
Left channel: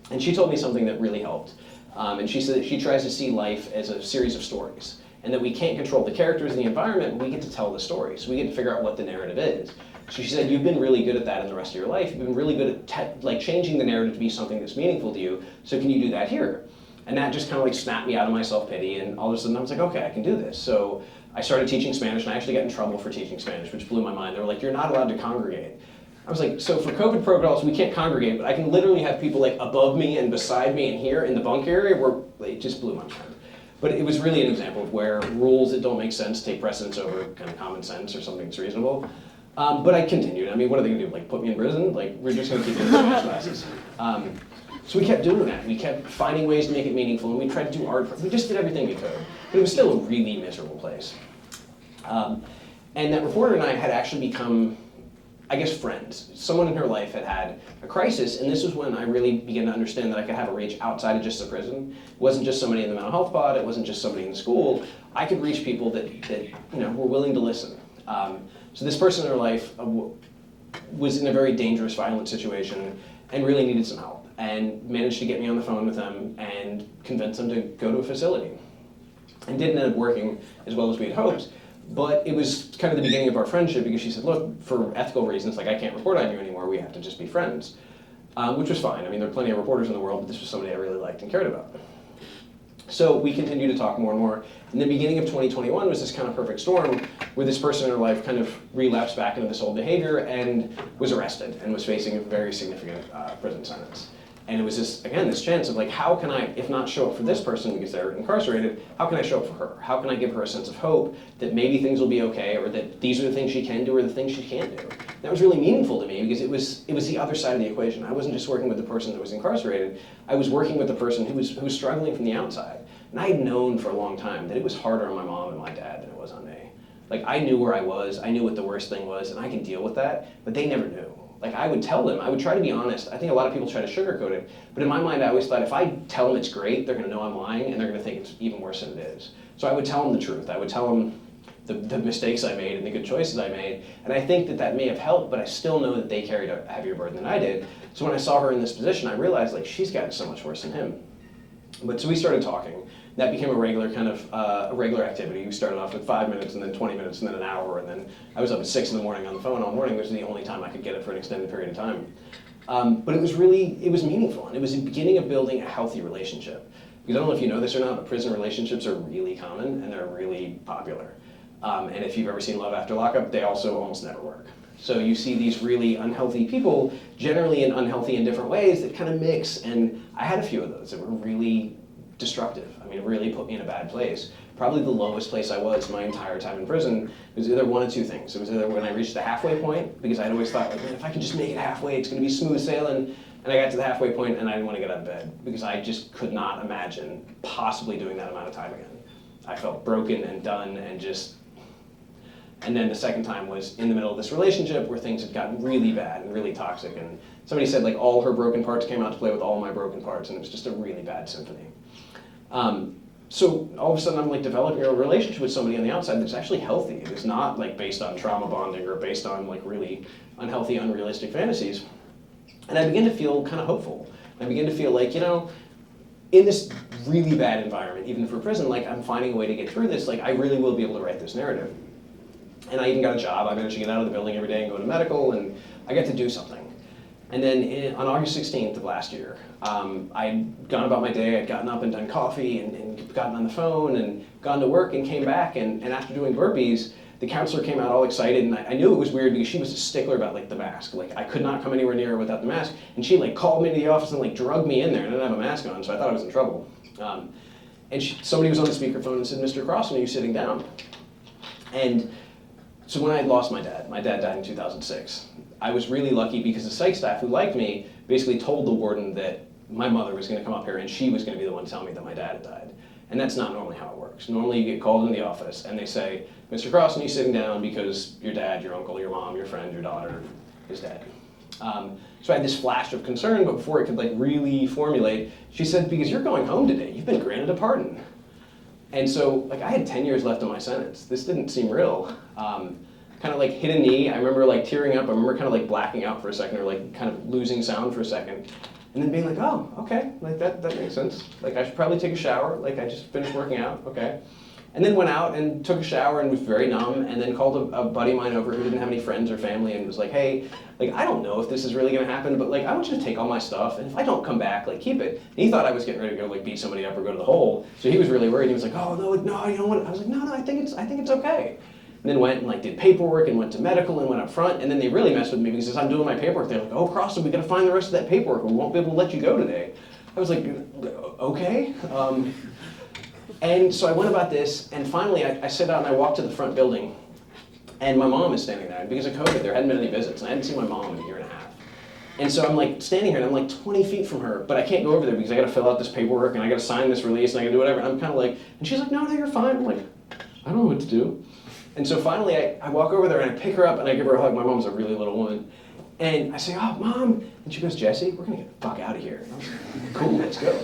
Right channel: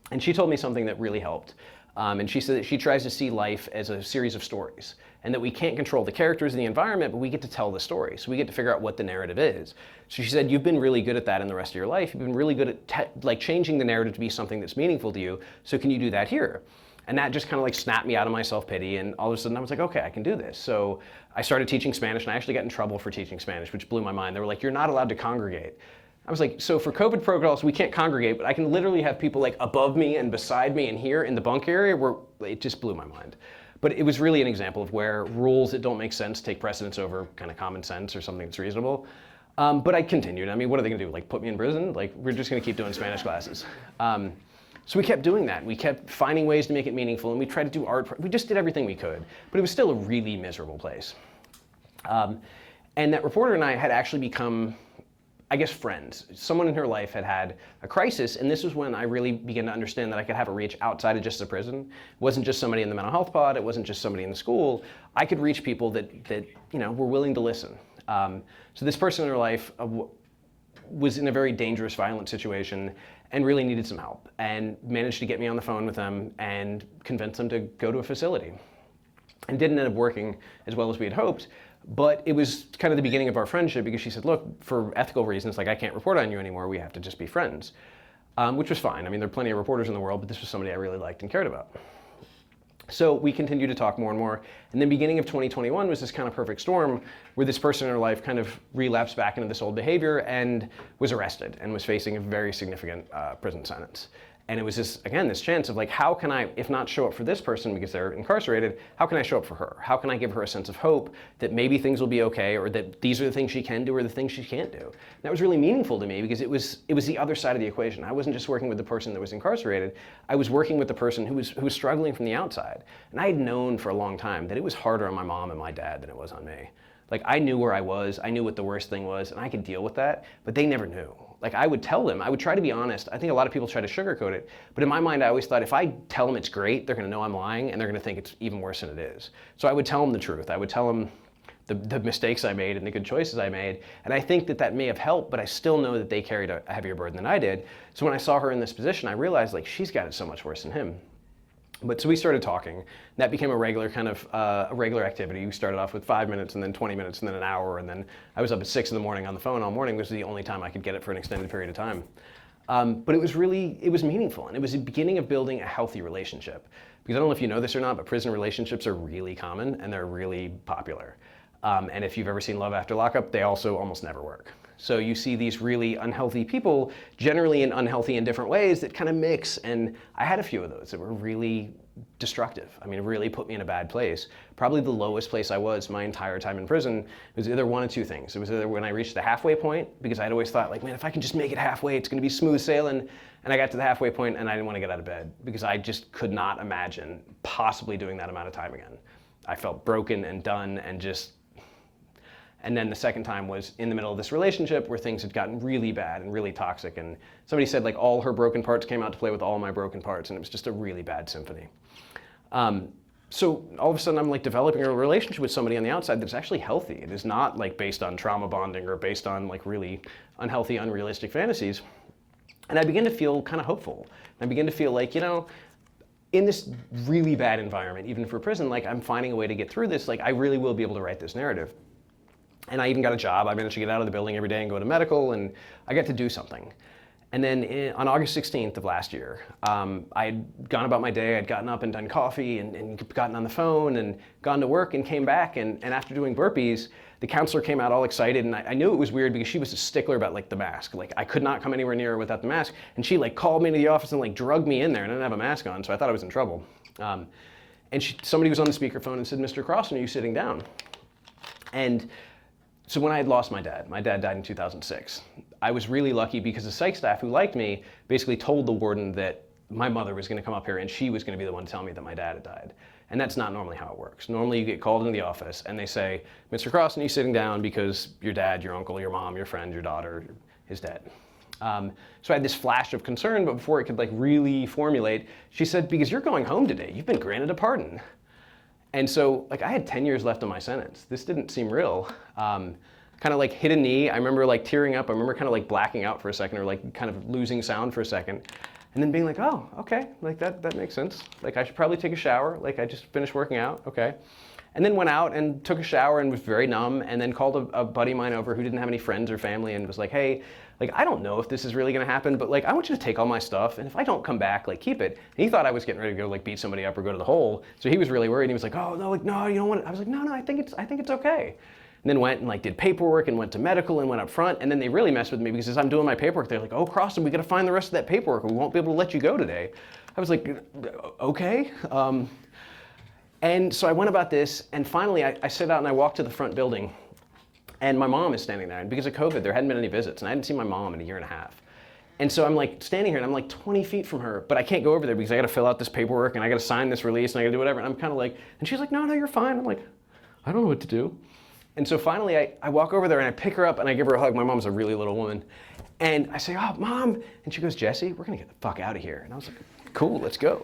And she told me something that really helped. And she said that she tries to see life as a series of stories. And that we can't control the characters of the environment, but we get to tell the story. So we get to figure out what the narrative is. So she said, you've been really good at that in the rest of your life. You've been really good at changing the narrative to be something that's meaningful to you. So can you do that here? And that just kind of like snapped me out of my self-pity. And all of a sudden I was like, okay, I can do this. So I started teaching Spanish, and I actually got in trouble for teaching Spanish, which blew my mind. They were like, you're not allowed to congregate. I was like, so for COVID protocols, we can't congregate, but I can literally have people like above me and beside me and here in the bunk area where it just blew my mind. But it was really an example of where rules that don't make sense take precedence over kind of common sense or something that's reasonable. But I continued. I mean, what are they gonna do? Like put me in prison? Like we're just gonna keep doing Spanish classes. So we kept doing that. We kept finding ways to make it meaningful, and we tried to do art. We just did everything we could, but it was still a really miserable place. And that reporter and I had actually become, I guess, friends. Someone in her life had had a crisis, and this was when I really began to understand that I could have a reach outside of just the prison. It wasn't just somebody in the mental health pod. It wasn't just somebody in the school. I could reach people that were willing to listen. So this person in her life was in a very dangerous, violent situation and really needed some help, and managed to get me on the phone with them and convince them to go to a facility. And didn't end up working as well as we had hoped, but it was kind of the beginning of our friendship because she said, look, for ethical reasons, like I can't report on you anymore, we have to just be friends, which was fine. I mean, there are plenty of reporters in the world, but this was somebody I really liked and cared about. So we continued to talk more and more. And the beginning of 2021 was this kind of perfect storm where this person in her life kind of relapsed back into this old behavior and was arrested and was facing a very significant prison sentence. And it was this chance of like, how can I, if not show up for this person because they're incarcerated, how can I show up for her? How can I give her a sense of hope that maybe things will be okay, or that these are the things she can do or the things she can't do? And that was really meaningful to me because it was the other side of the equation. I wasn't just working with the person that was incarcerated. I was working with the person who was struggling from the outside. And I had known for a long time that it was harder on my mom and my dad than it was on me. Like I knew where I was, I knew what the worst thing was, and I could deal with that, but they never knew. Like I would tell them, I would try to be honest. I think a lot of people try to sugarcoat it, but in my mind I always thought if I tell them it's great, they're gonna know I'm lying and they're gonna think it's even worse than it is. So I would tell them the truth. I would tell them the mistakes I made and the good choices I made, and I think that may have helped, but I still know that they carried a heavier burden than I did. So when I saw her in this position, I realized like she's got it so much worse than him. But so we started talking. That became a regular kind of a regular activity. We started off with 5 minutes and then 20 minutes and then an hour, and then I was up at 6 in the morning on the phone all morning, which was the only time I could get it for an extended period of time. But it was meaningful, and it was the beginning of building a healthy relationship. Because I don't know if you know this or not, but prison relationships are really common and they're really popular. And if you've ever seen Love After Lockup, they also almost never work. So you see these really unhealthy people, generally in unhealthy in different ways, that kind of mix. And I had a few of those that were really destructive. I mean, it really put me in a bad place. Probably the lowest place I was my entire time in prison was either one of two things. It was either when I reached the halfway point, because I'd always thought, like, man, if I can just make it halfway, it's gonna be smooth sailing. And I got to the halfway point and I didn't want to get out of bed because I just could not imagine possibly doing that amount of time again. I felt broken and done and just. And then the second time was in the middle of this relationship where things had gotten really bad and really toxic, and somebody said like all her broken parts came out to play with all my broken parts, and it was just a really bad symphony. So all of a sudden I'm like developing a relationship with somebody on the outside that's actually healthy. It is not like based on trauma bonding or based on like really unhealthy, unrealistic fantasies. And I begin to feel kind of hopeful. I begin to feel like, in this really bad environment, even for prison, like I'm finding a way to get through this, like I really will be able to write this narrative. And I even got a job. I managed to get out of the building every day and go to medical, and I got to do something. And then on August 16th of last year, I had gone about my day, I'd gotten up and done coffee and gotten on the phone and gone to work and came back, and after doing burpees, the counselor came out all excited, and I knew it was weird because she was a stickler about like the mask. Like I could not come anywhere near her without the mask, and she like called me into the office and like drugged me in there, and I didn't have a mask on, so I thought I was in trouble. And somebody was on the speakerphone and said, "Mr. Crossan, are you sitting down?" And so when I had lost my dad died in 2006. I was really lucky because the psych staff who liked me basically told the warden that my mother was going to come up here and she was going to be the one to tell me that my dad had died. And that's not normally how it works. Normally you get called into the office and they say, "Mr. Crossan, you sitting down because your dad, your uncle, your mom, your friend, your daughter is dead." So I had this flash of concern, but before it could like really formulate, she said, "Because you're going home today, you've been granted a pardon." And so like I had 10 years left on my sentence. This didn't seem real. Kind of like hit a knee. I remember like tearing up. I remember kind of like blacking out for a second or like kind of losing sound for a second. And then being like, "Oh, okay, like that makes sense. Like I should probably take a shower. Like I just finished working out, okay." And then went out and took a shower and was very numb, and then called a buddy of mine over who didn't have any friends or family and was like, "Hey, like I don't know if this is really gonna happen, but like I want you to take all my stuff, and if I don't come back, like keep it." And he thought I was getting ready to go like beat somebody up or go to the hole, so he was really worried. He was like, "Oh no, like no, you don't want it." I was like, "No, I think it's okay." And then went and like did paperwork and went to medical and went up front, and then they really messed with me because as I'm doing my paperwork, they're like, "Oh, Crossan, we gotta find the rest of that paperwork, or we won't be able to let you go today." I was like, "Okay." And so I went about this, and finally I sit out and I walk to the front building, and my mom is standing there. And because of COVID, there hadn't been any visits, and I hadn't seen my mom in a year and a half. And so I'm like standing here, and I'm like 20 feet from her, but I can't go over there because I gotta fill out this paperwork, and I gotta sign this release, and I gotta do whatever. And I'm kind of like, and she's like, "No, you're fine." I'm like, "I don't know what to do." And so finally I walk over there and I pick her up and I give her a hug. My mom's a really little woman. And I say, "Oh, Mom." And she goes, "Jesse, we're gonna get the fuck out of here." And I was like, "Cool, let's go."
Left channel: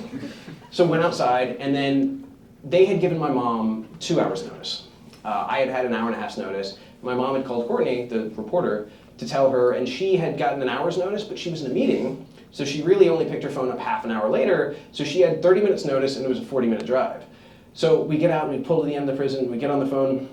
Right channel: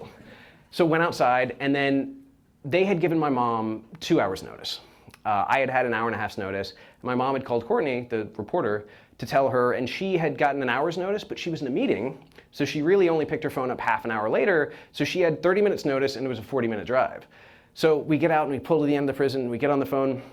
So went outside, and then they had given my mom 2 hours notice. I had had an hour and a half's notice. My mom had called Courtney, the reporter, to tell her, and she had gotten an hour's notice, but she was in a meeting, so she really only picked her phone up half an hour later, so she had 30 minutes notice and it was a 40-minute drive. So we get out and we pull to the end of the prison, we get on the phone,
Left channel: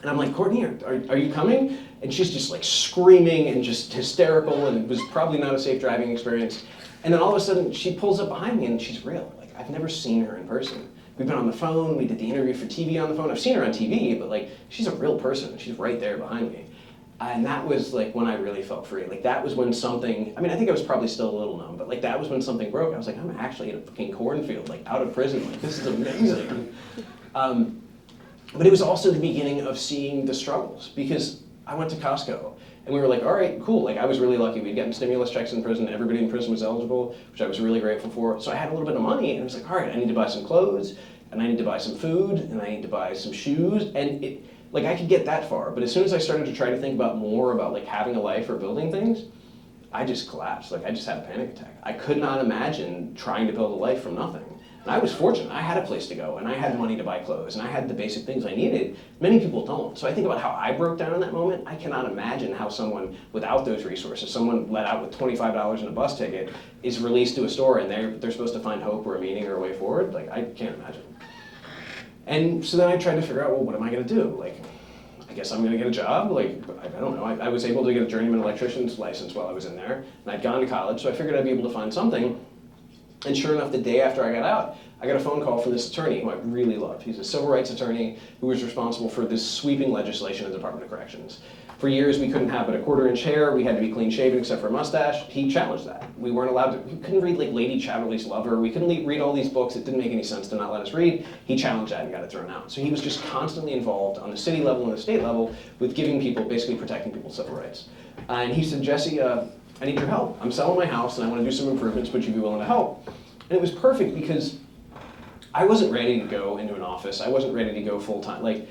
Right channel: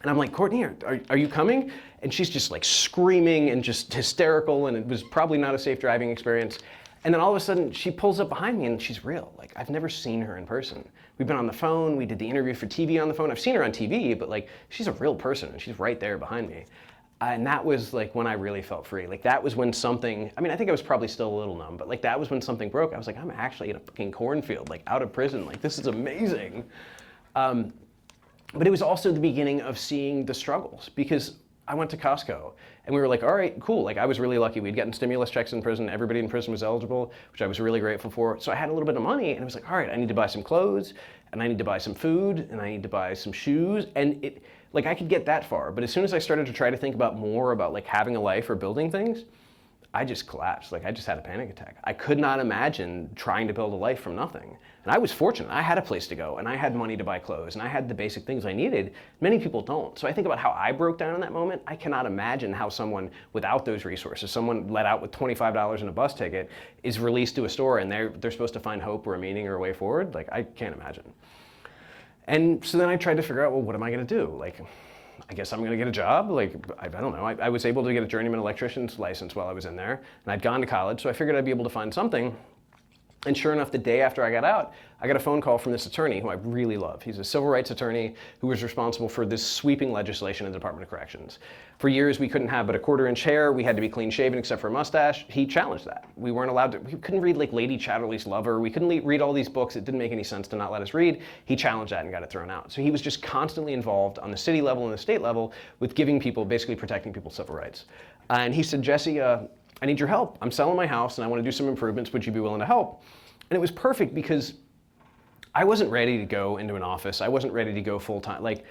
and I'm like, "Courtney, are you coming?" And she's just like screaming and just hysterical, and it was probably not a safe driving experience. And then all of a sudden she pulls up behind me and she's real. Like I've never seen her in person. We've been on the phone, we did the interview for TV on the phone. I've seen her on TV, but like she's a real person. She's right there behind me. And that was like when I really felt free. Like that was when something, I mean, I think I was probably still a little numb, but like that was when something broke. I was like, I'm actually in a fucking cornfield, like out of prison. Like this is amazing. But it was also the beginning of seeing the struggles because I went to Costco and we were like, all right, cool. Like I was really lucky. We'd gotten stimulus checks in prison. Everybody in prison was eligible, which I was really grateful for. So I had a little bit of money and it was like, all right, I need to buy some clothes and I need to buy some food and I need to buy some shoes. And it, like I could get that far. But as soon as I started to try to think about more about like having a life or building things, I just collapsed. Like I just had a panic attack. I could not imagine trying to build a life from nothing. And I was fortunate. I had a place to go, and I had money to buy clothes, and I had the basic things I needed. Many people don't. So I think about how I broke down in that moment. I cannot imagine how someone without those resources, someone let out with $25 in a bus ticket, is released to a store, and they're supposed to find hope or a meaning or a way forward. Like I can't imagine. And so then I tried to figure out, well, what am I going to do? Like, I guess I'm going to get a job. Like, I don't know. I was able to get a journeyman electrician's license while I was in there, and I'd gone to college, so I figured I'd be able to find something. And sure enough, the day after I got out, I got a phone call from this attorney who I really love. He's a civil rights attorney who was responsible for this sweeping legislation in the Department of Corrections. For years, we couldn't have but a quarter-inch hair. We had to be clean-shaven except for a mustache. He challenged that. We weren't allowed to, we couldn't read like Lady Chatterley's Lover. We couldn't read all these books. It didn't make any sense to not let us read. He challenged that and got it thrown out. So he was just constantly involved on the city level and the state level with giving people, basically protecting people's civil rights. And he said, Jesse, I need your help. I'm selling my house and I want to do some improvements. Would you be willing to help? And it was perfect because I wasn't ready to go into an office. I wasn't ready to go full-time. Like,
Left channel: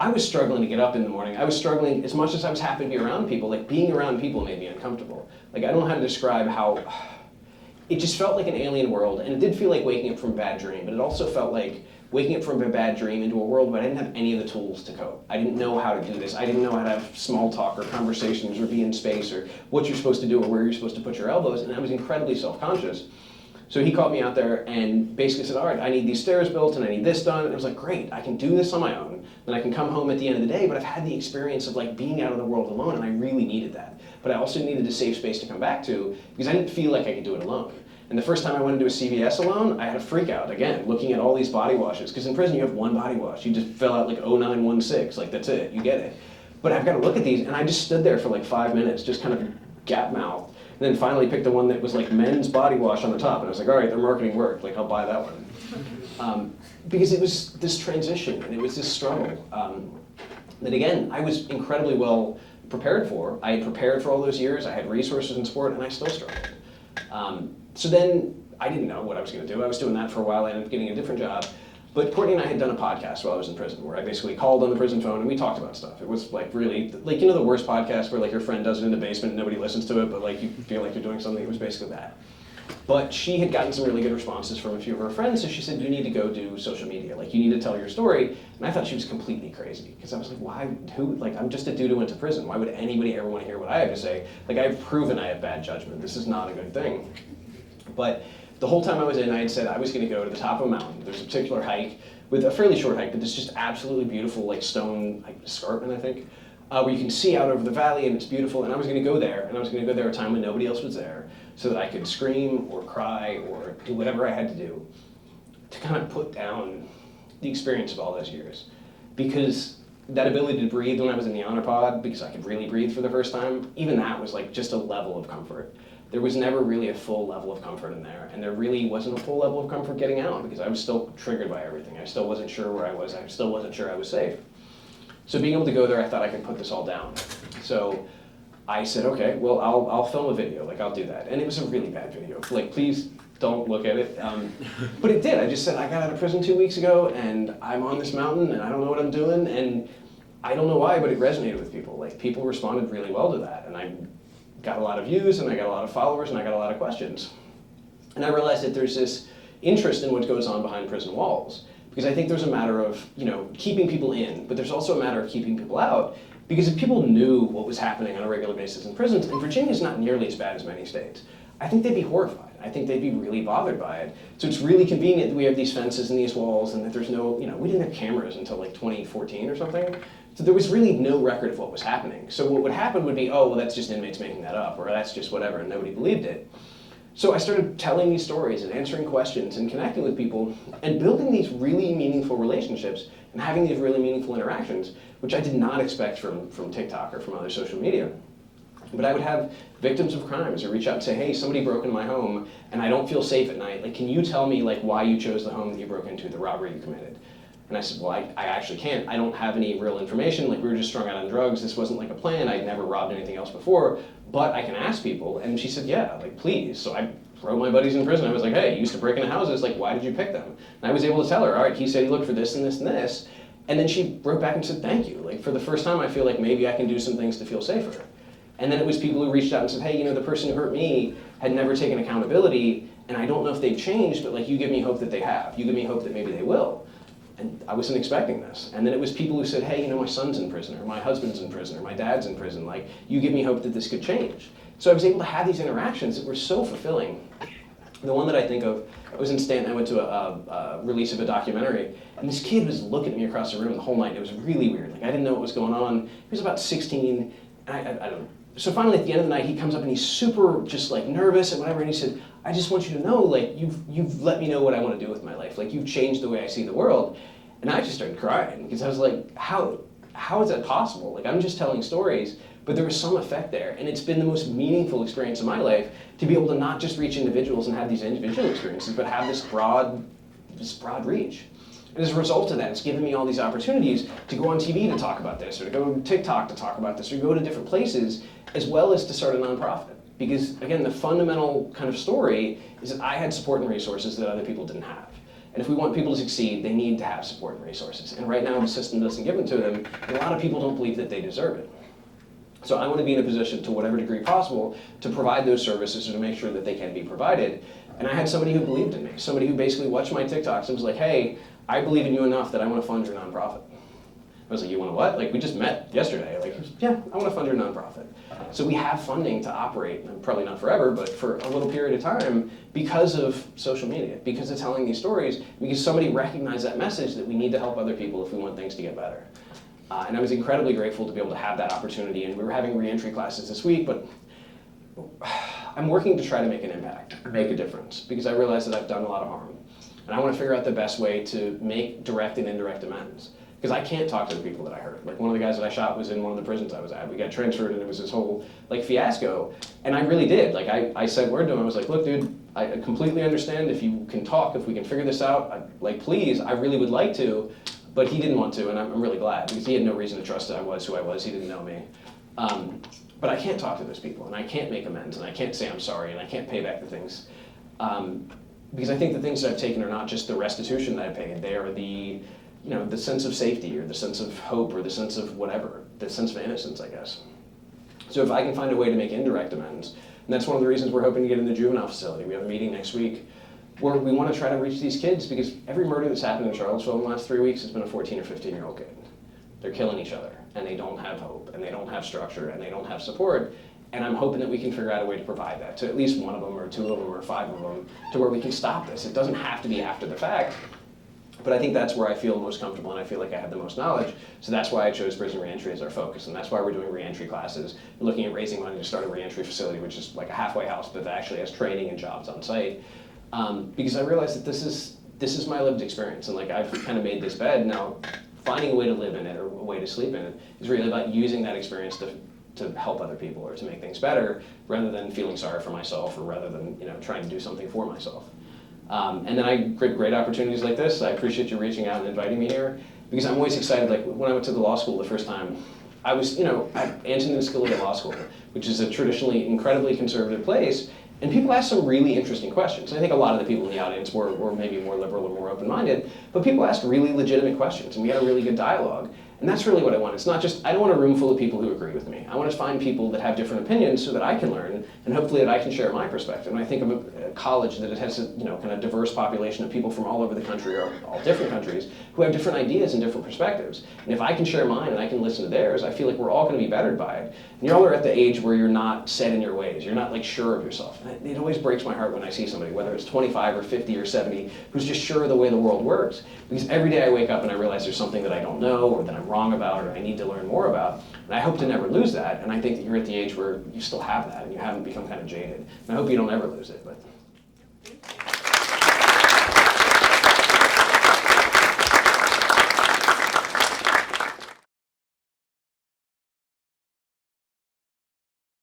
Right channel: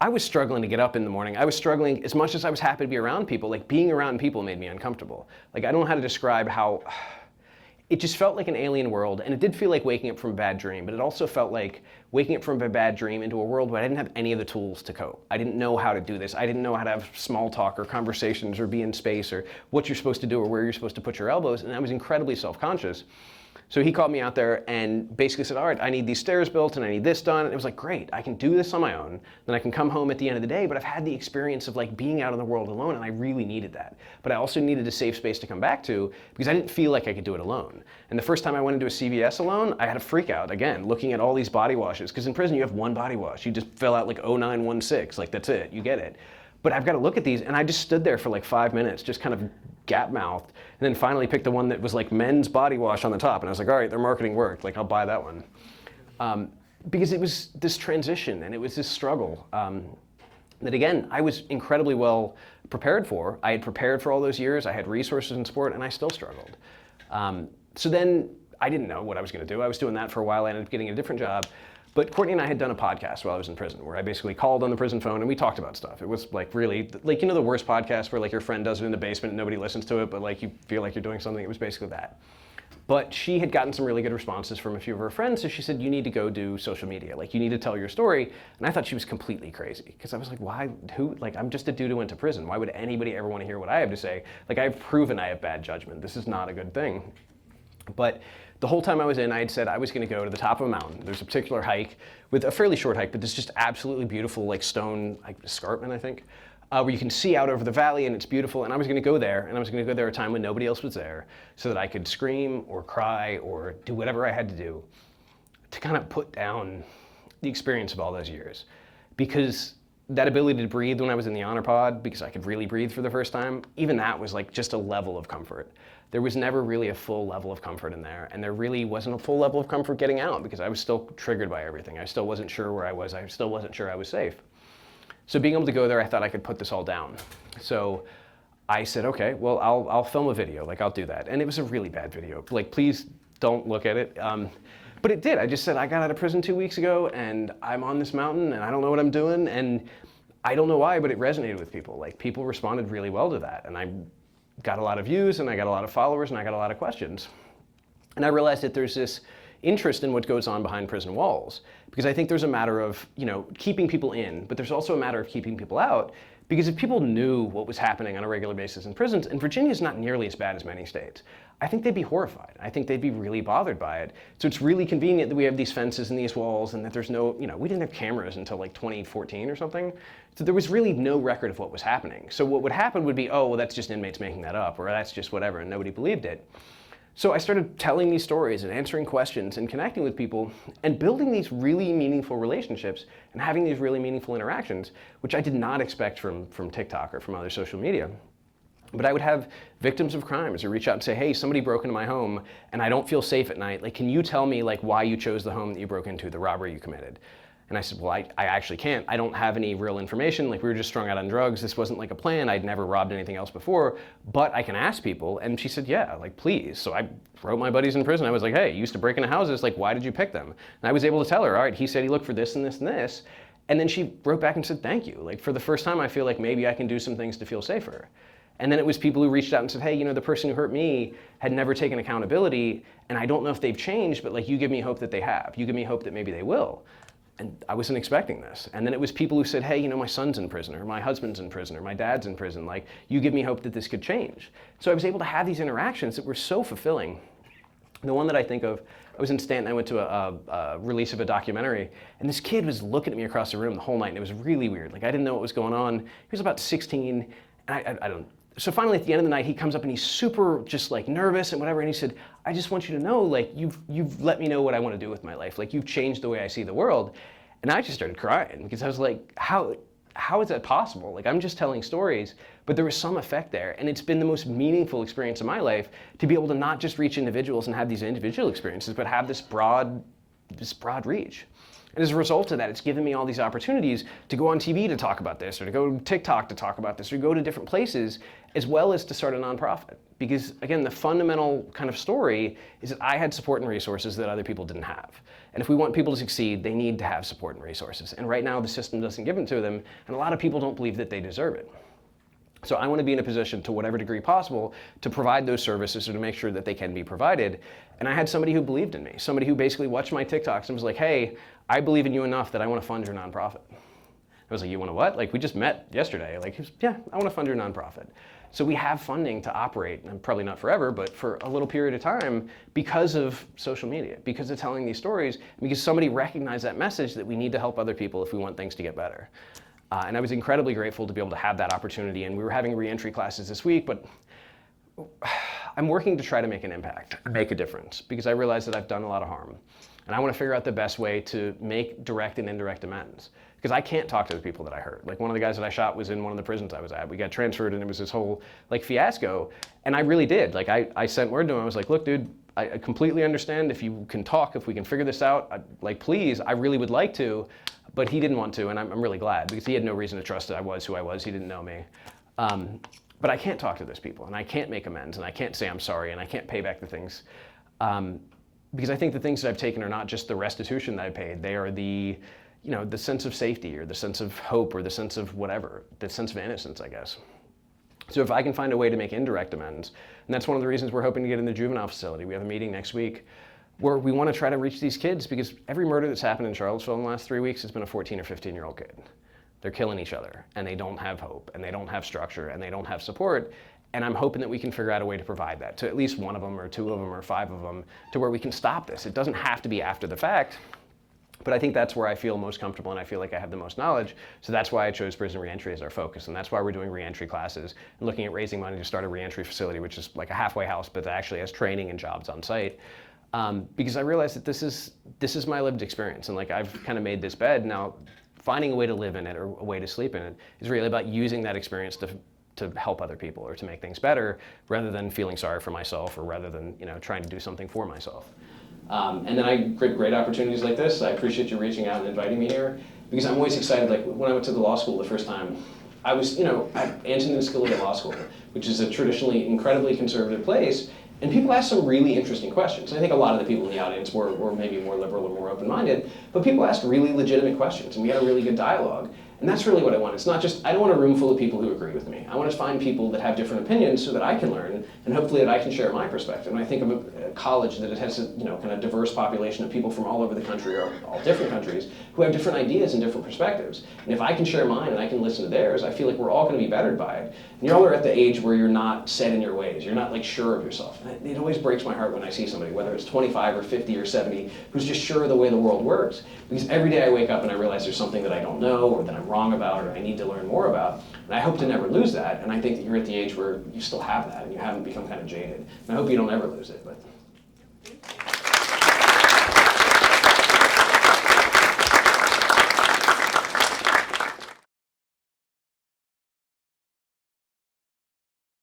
I was struggling to get up in the morning. I was struggling, as much as I was happy to be around people, like being around people made me uncomfortable. Like, I don't know how to describe how, it just felt like an alien world, and it did feel like waking up from a bad dream, but it also felt like waking up from a bad dream into a world where I didn't have any of the tools to cope. I didn't know how to do this. I didn't know how to have small talk or conversations or be in space or what you're supposed to do or where you're supposed to put your elbows, and I was incredibly self-conscious. So he called me out there and basically said, all right, I need these stairs built and I need this done. And it was like, great, I can do this on my own. Then I can come home at the end of the day, but I've had the experience of like being out in the world alone, and I really needed that. But I also needed a safe space to come back to because I didn't feel like I could do it alone. And the first time I went into a CVS alone, I had a freak out, again, looking at all these body washes. Because in prison, you have one body wash. You just fill out like 0916, like that's it, you get it. But I've got to look at these, and I just stood there for like 5 minutes, just kind of gap-mouthed, and then finally picked the one that was like men's body wash on the top. And I was like, all right, their marketing worked, like I'll buy that one. Because it was this transition, and it was this struggle that again, I was incredibly well prepared for. I had prepared for all those years, I had resources and support, and I still struggled. So then I didn't know what I was going to do. I was doing that for a while. I ended up getting a different job. But Courtney and I had done a podcast while I was in prison where I basically called on the prison phone and we talked about stuff. It was like really, like, you know, the worst podcast where like your friend does it in the basement and nobody listens to it, but like you feel like you're doing something. It was basically that. But she had gotten some really good responses from a few of her friends, so she said, you need to go do social media. Like, you need to tell your story. And I thought she was completely crazy because I was like, why, who, like, I'm just a dude who went to prison. Why would anybody ever want to hear what I have to say? Like, I've proven I have bad judgment. This is not a good thing. But the whole time I was in, I had said I was going to go to the top of a mountain. There's a particular hike with a fairly short hike, but this just absolutely beautiful, like stone like escarpment, I think, where you can see out over the valley and it's beautiful. And I was going to go there, and I was going to go there at a time when nobody else was there, so that I could scream or cry or do whatever I had to do to kind of put down the experience of all those years. Because that ability to breathe when I was in the honor pod, because I could really breathe for the first time, even that was like just a level of comfort. There was never really a full level of comfort in there, and there really wasn't a full level of comfort getting out because I was still triggered by everything. I still wasn't sure where I was. I still wasn't sure I was safe. So being able to go there, I thought I could put this all down. So I said, okay, well, I'll film a video, like I'll do that. And it was a really bad video. Like, please don't look at it. But it did. I just said, I got out of prison 2 weeks ago, and I'm on this mountain, and I don't know what I'm doing, and I don't know why, but it resonated with people. Like, people responded really well to that, and I got a lot of views, and I got a lot of followers, and I got a lot of questions. And I realized that there's this interest in what goes on behind prison walls, because I think there's a matter of, you know, keeping people in, but there's also a matter of keeping people out, because if people knew what was happening on a regular basis in prisons, and Virginia's not nearly as bad as many states, I think they'd be horrified. I think they'd be really bothered by it. So it's really convenient that we have these fences and these walls, and that there's no, you know, we didn't have cameras until like 2014 or something. So there was really no record of what was happening. So what would happen would be, oh, well, that's just inmates making that up, or that's just whatever, and nobody believed it. So I started telling these stories and answering questions and connecting with people and building these really meaningful relationships and having these really meaningful interactions, which I did not expect from TikTok or from other social media. But I would have victims of crimes who reach out and say, hey, somebody broke into my home and I don't feel safe at night. Like, can you tell me like why you chose the home that you broke into, the robbery you committed? And I said, well, I actually can't. I don't have any real information. Like, we were just strung out on drugs. This wasn't like a plan. I'd never robbed anything else before, but I can ask people. And she said, yeah, like, please. So I wrote my buddies in prison. I was like, hey, you used to break into houses. Like, why did you pick them? And I was able to tell her, all right, he said he looked for this and this and this. And then she wrote back and said, thank you. Like, for the first time, I feel like maybe I can do some things to feel safer. And then it was people who reached out and said, hey, you know, the person who hurt me had never taken accountability, and I don't know if they've changed, but like, you give me hope that they have. You give me hope that maybe they will. And I wasn't expecting this. And then it was people who said, hey, you know, my son's in prison, or my husband's in prison, or my dad's in prison. Like, you give me hope that this could change. So I was able to have these interactions that were so fulfilling. The one that I think of, I was in Stanton, I went to a release of a documentary, and this kid was looking at me across the room the whole night, and it was really weird. Like, I didn't know what was going on. He was about 16, and I don't. So finally, at the end of the night, he comes up and he's super just like nervous and whatever, and he said, I just want you to know, like, you've let me know what I want to do with my life. Like, you've changed the way I see the world. And I just started crying because I was like, how is that possible? Like, I'm just telling stories, but there was some effect there. And it's been the most meaningful experience of my life to be able to not just reach individuals and have these individual experiences, but have this broad reach. And as a result of that, it's given me all these opportunities to go on TV to talk about this, or to go on TikTok to talk about this, or go to different places, as well as to start a nonprofit. Because again, the fundamental kind of story is that I had support and resources that other people didn't have. And if we want people to succeed, they need to have support and resources. And right now, the system doesn't give them to them, and a lot of people don't believe that they deserve it. So I want to be in a position, to whatever degree possible, to provide those services or to make sure that they can be provided. And I had somebody who believed in me, somebody who basically watched my TikToks and was like, hey, I believe in you enough that I want to fund your nonprofit. I was like, you want to what? Like, we just met yesterday. Like, yeah, I want to fund your nonprofit. So we have funding to operate, and probably not forever, but for a little period of time because of social media, because of telling these stories, because somebody recognized that message that we need to help other people if we want things to get better. And I was incredibly grateful to be able to have that opportunity. And we were having reentry classes this week, but I'm working to try to make an impact, make a difference, because I realize that I've done a lot of harm. And I want to figure out the best way to make direct and indirect amends. Because I can't talk to the people that I hurt. Like, one of the guys that I shot was in one of the prisons I was at. We got transferred and it was this whole like fiasco. And I really did. Like, I sent word to him. I was like, look, dude, I completely understand if you can talk, if we can figure this out, like, please, I really would like to. But he didn't want to, and I'm really glad, because he had no reason to trust that I was who I was. He didn't know me. But I can't talk to those people, and I can't make amends, and I can't say I'm sorry, and I can't pay back the things. Because I think the things that I've taken are not just the restitution that I paid. They are the sense of safety, or the sense of hope, or the sense of whatever, the sense of innocence, I guess. So if I can find a way to make indirect amends, and that's one of the reasons we're hoping to get in the juvenile facility. We have a meeting next week where we want to try to reach these kids, because every murder that's happened in Charlottesville in the last 3 weeks has been a 14 or 15-year-old kid. They're killing each other, and they don't have hope, and they don't have structure, and they don't have support. And I'm hoping that we can figure out a way to provide that to at least one of them, or two of them, or five of them, to where we can stop this. It doesn't have to be after the fact, but I think that's where I feel most comfortable, and I feel like I have the most knowledge. So that's why I chose prison reentry as our focus, and that's why we're doing reentry classes and looking at raising money to start a reentry facility, which is like a halfway house, but that actually has training and jobs on site. Because I realized that this is my lived experience, and like, I've kind of made this bed. Now, finding a way to live in it, or a way to sleep in it, is really about using that experience to help other people, or to make things better, rather than feeling sorry for myself, or rather than trying to do something for myself. And then I get great opportunities like this. I appreciate you reaching out and inviting me here, because I'm always excited. Like, when I went to the law school the first time, I was at Antonin Scalia Law School, which is a traditionally incredibly conservative place. And people ask some really interesting questions. I think a lot of the people in the audience were maybe more liberal or more open-minded, but people asked really legitimate questions, and we had a really good dialogue. And that's really what I want. It's not just, I don't want a room full of people who agree with me. I want to find people that have different opinions so that I can learn, and hopefully that I can share my perspective. And I think of a college that it has a kind of diverse population of people from all over the country, or all different countries, who have different ideas and different perspectives. And if I can share mine and I can listen to theirs, I feel like we're all going to be bettered by it. And y'all are at the age where you're not set in your ways. You're not like sure of yourself. And it always breaks my heart when I see somebody, whether it's 25 or 50 or 70, who's just sure of the way the world works. Because every day I wake up and I realize there's something that I don't know, or that I'm wrong about, or I need to learn more about. And I hope to never lose that. And I think that you're at the age where you still have that, and you haven't become kind of jaded. And I hope you don't ever lose it. But